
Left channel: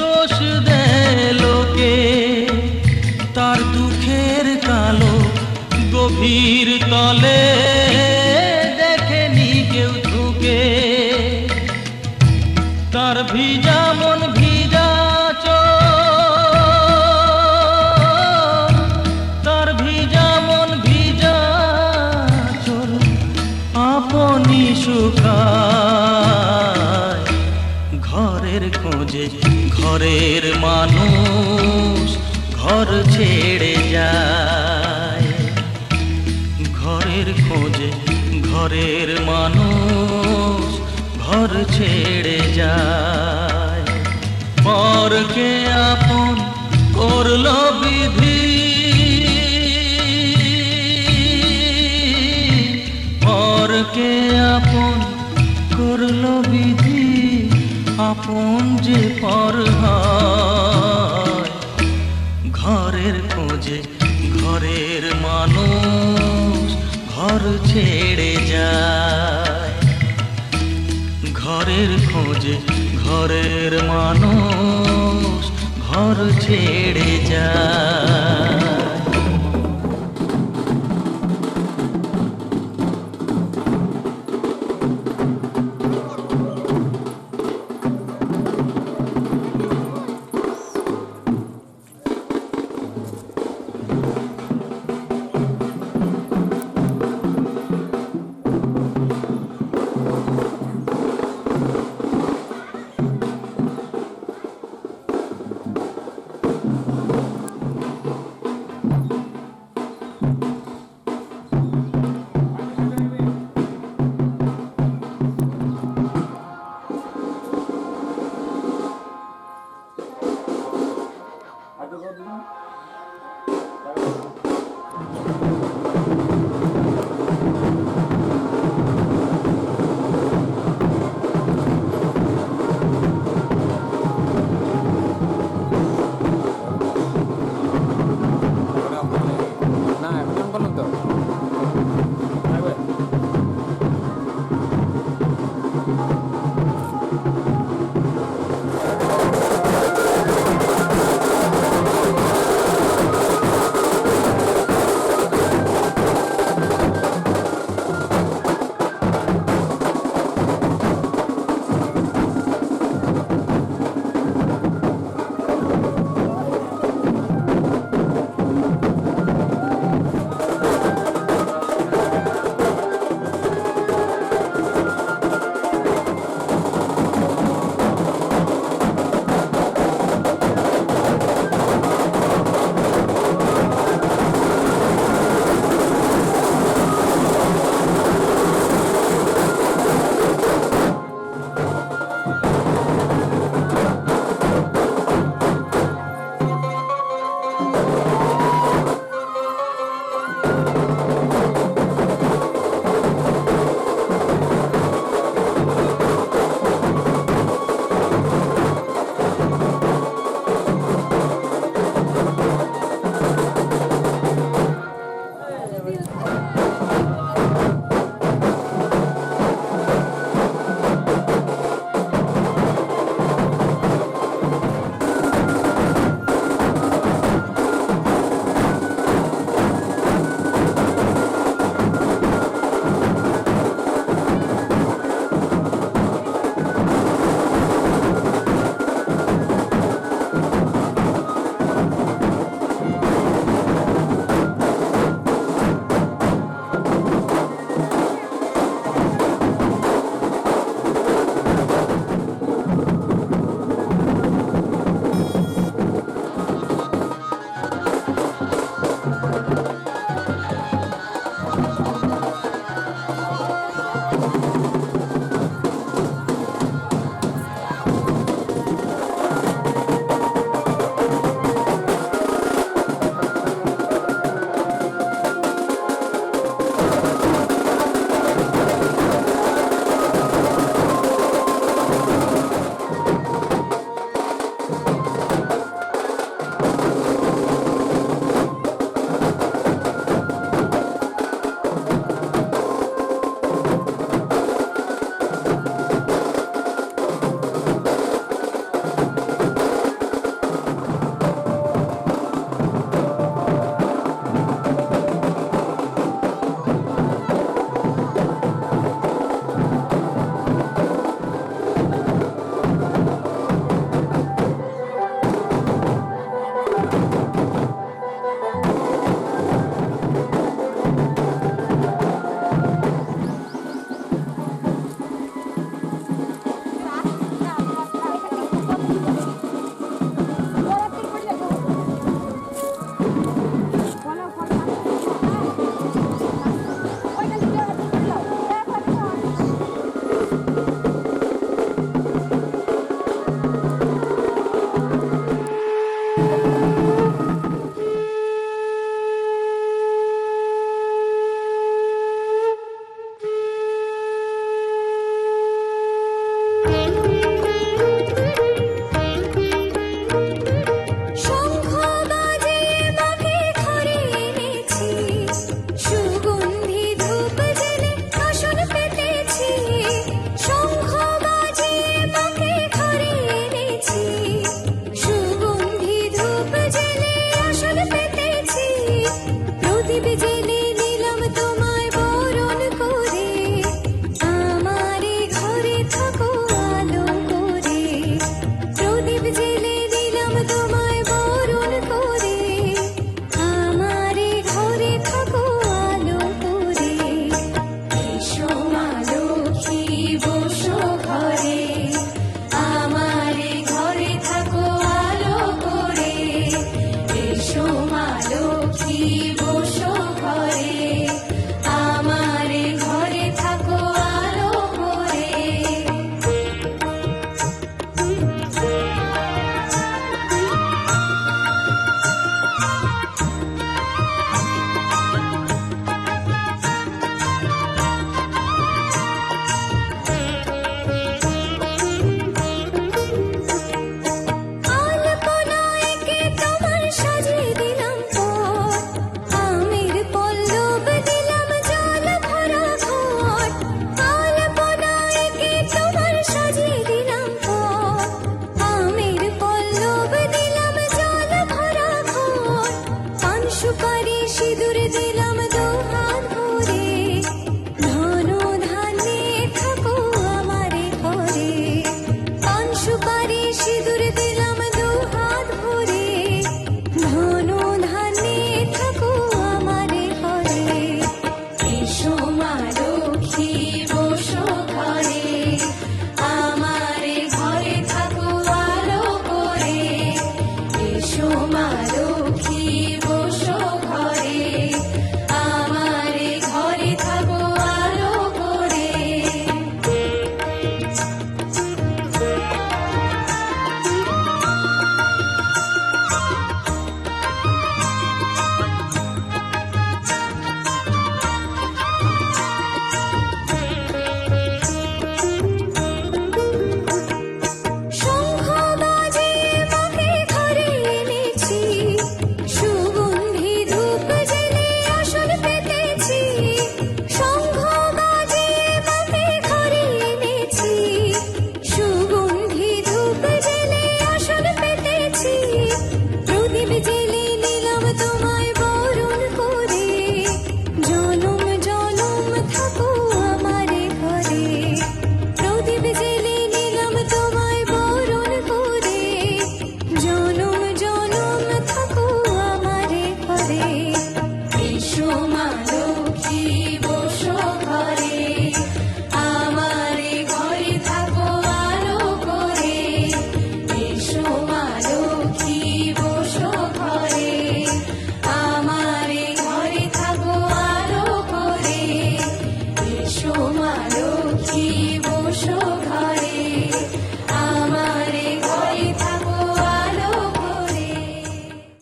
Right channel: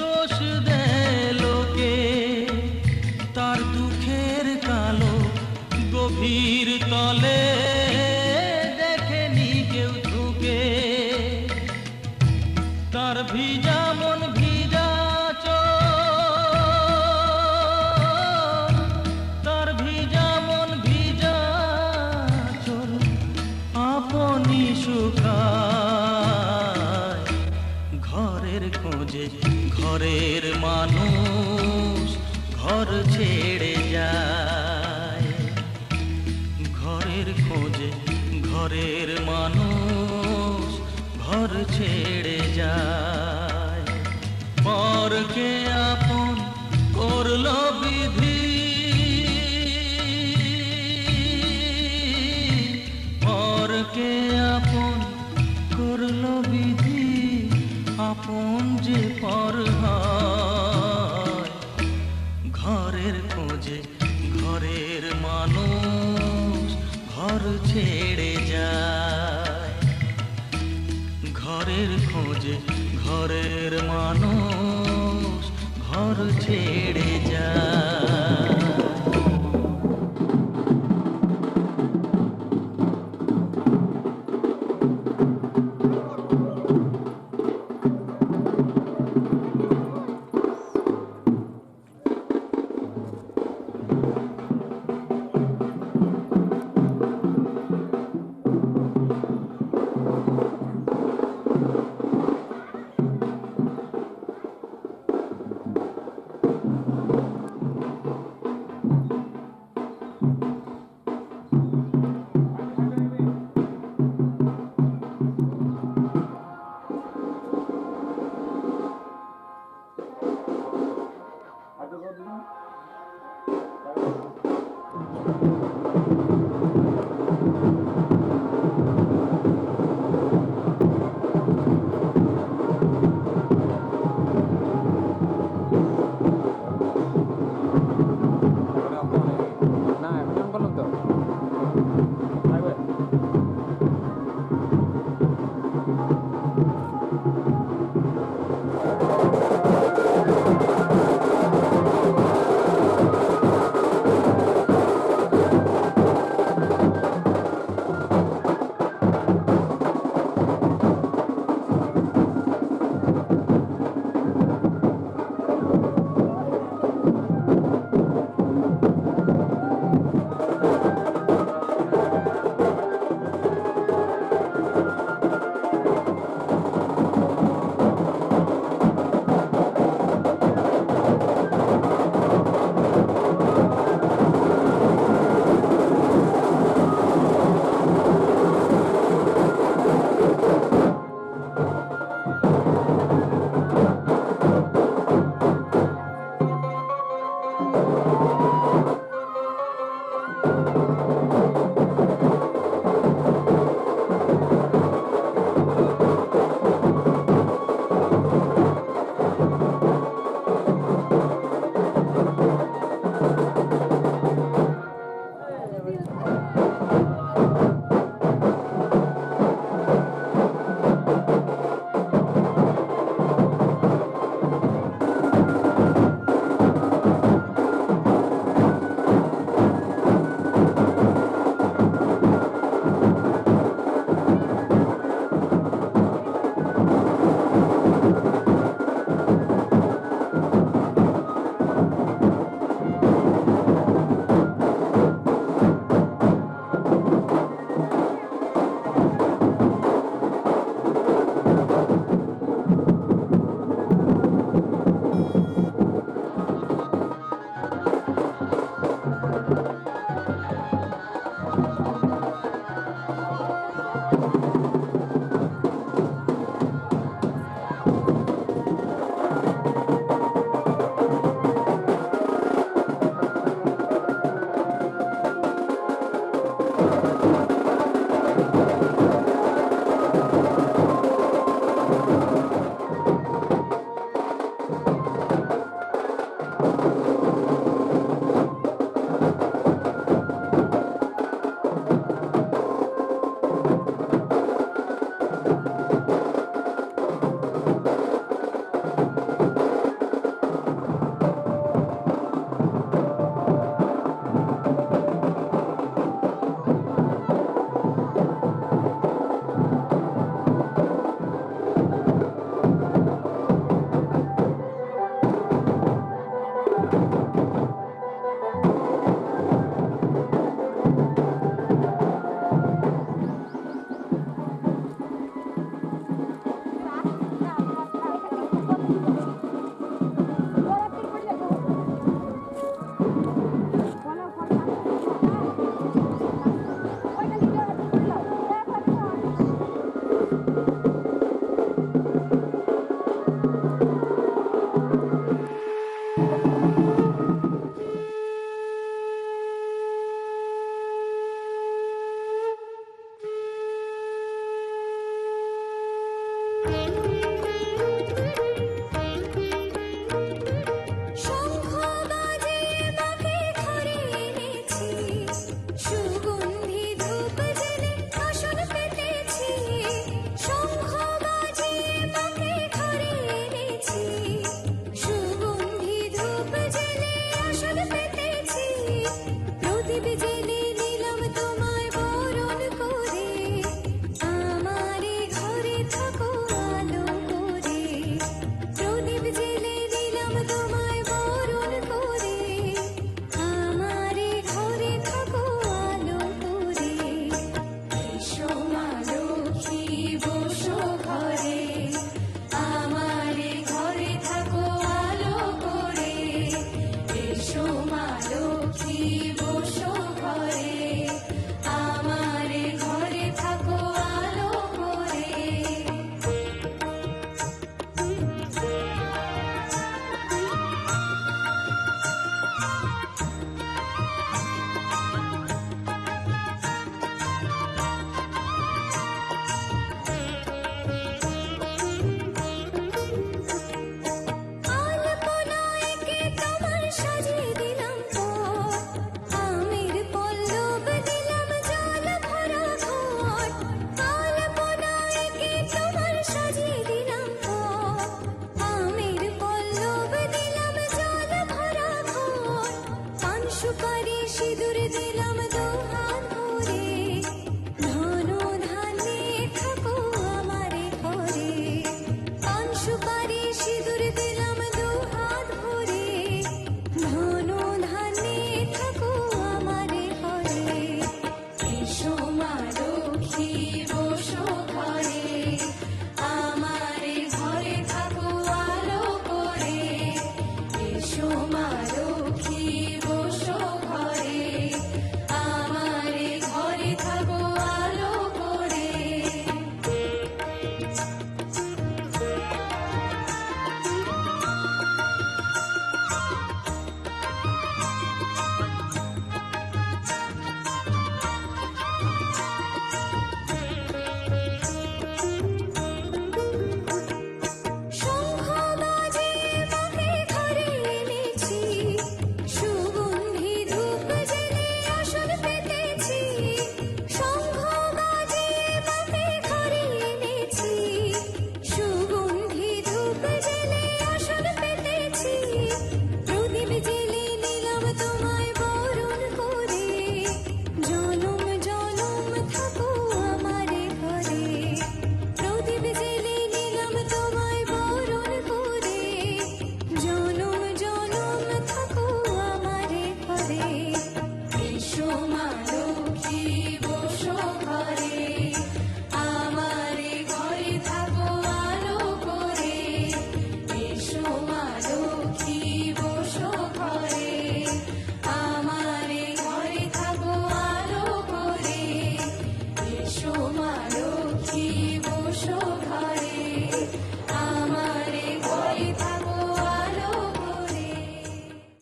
দোষ দেয় লোকে। তার দুঃখের কালো গভীর তলে দেখেনি কেউ ঝুঁকে। তার ভিজা মন ভিজা চোখ, তার ভিজা মন ভিজা চোখ আপনি শুকায়। ঘরের খোঁজে ঘরের মানুষ ঘর ছেড়ে যায়। ঘরের খোঁজে ঘরের মানুষ ঘর ছেড়ে যায়। পরকে আপন করলো বিধি, পরকে আপন করলো বিধি, আপন যে পর হয়। ঘরের খোঁজে ঘরের মানুষ ঘর ছেড়ে যায়। ঘরের খোঁজে ঘরের মানুষ ঘর ছেড়ে যায়।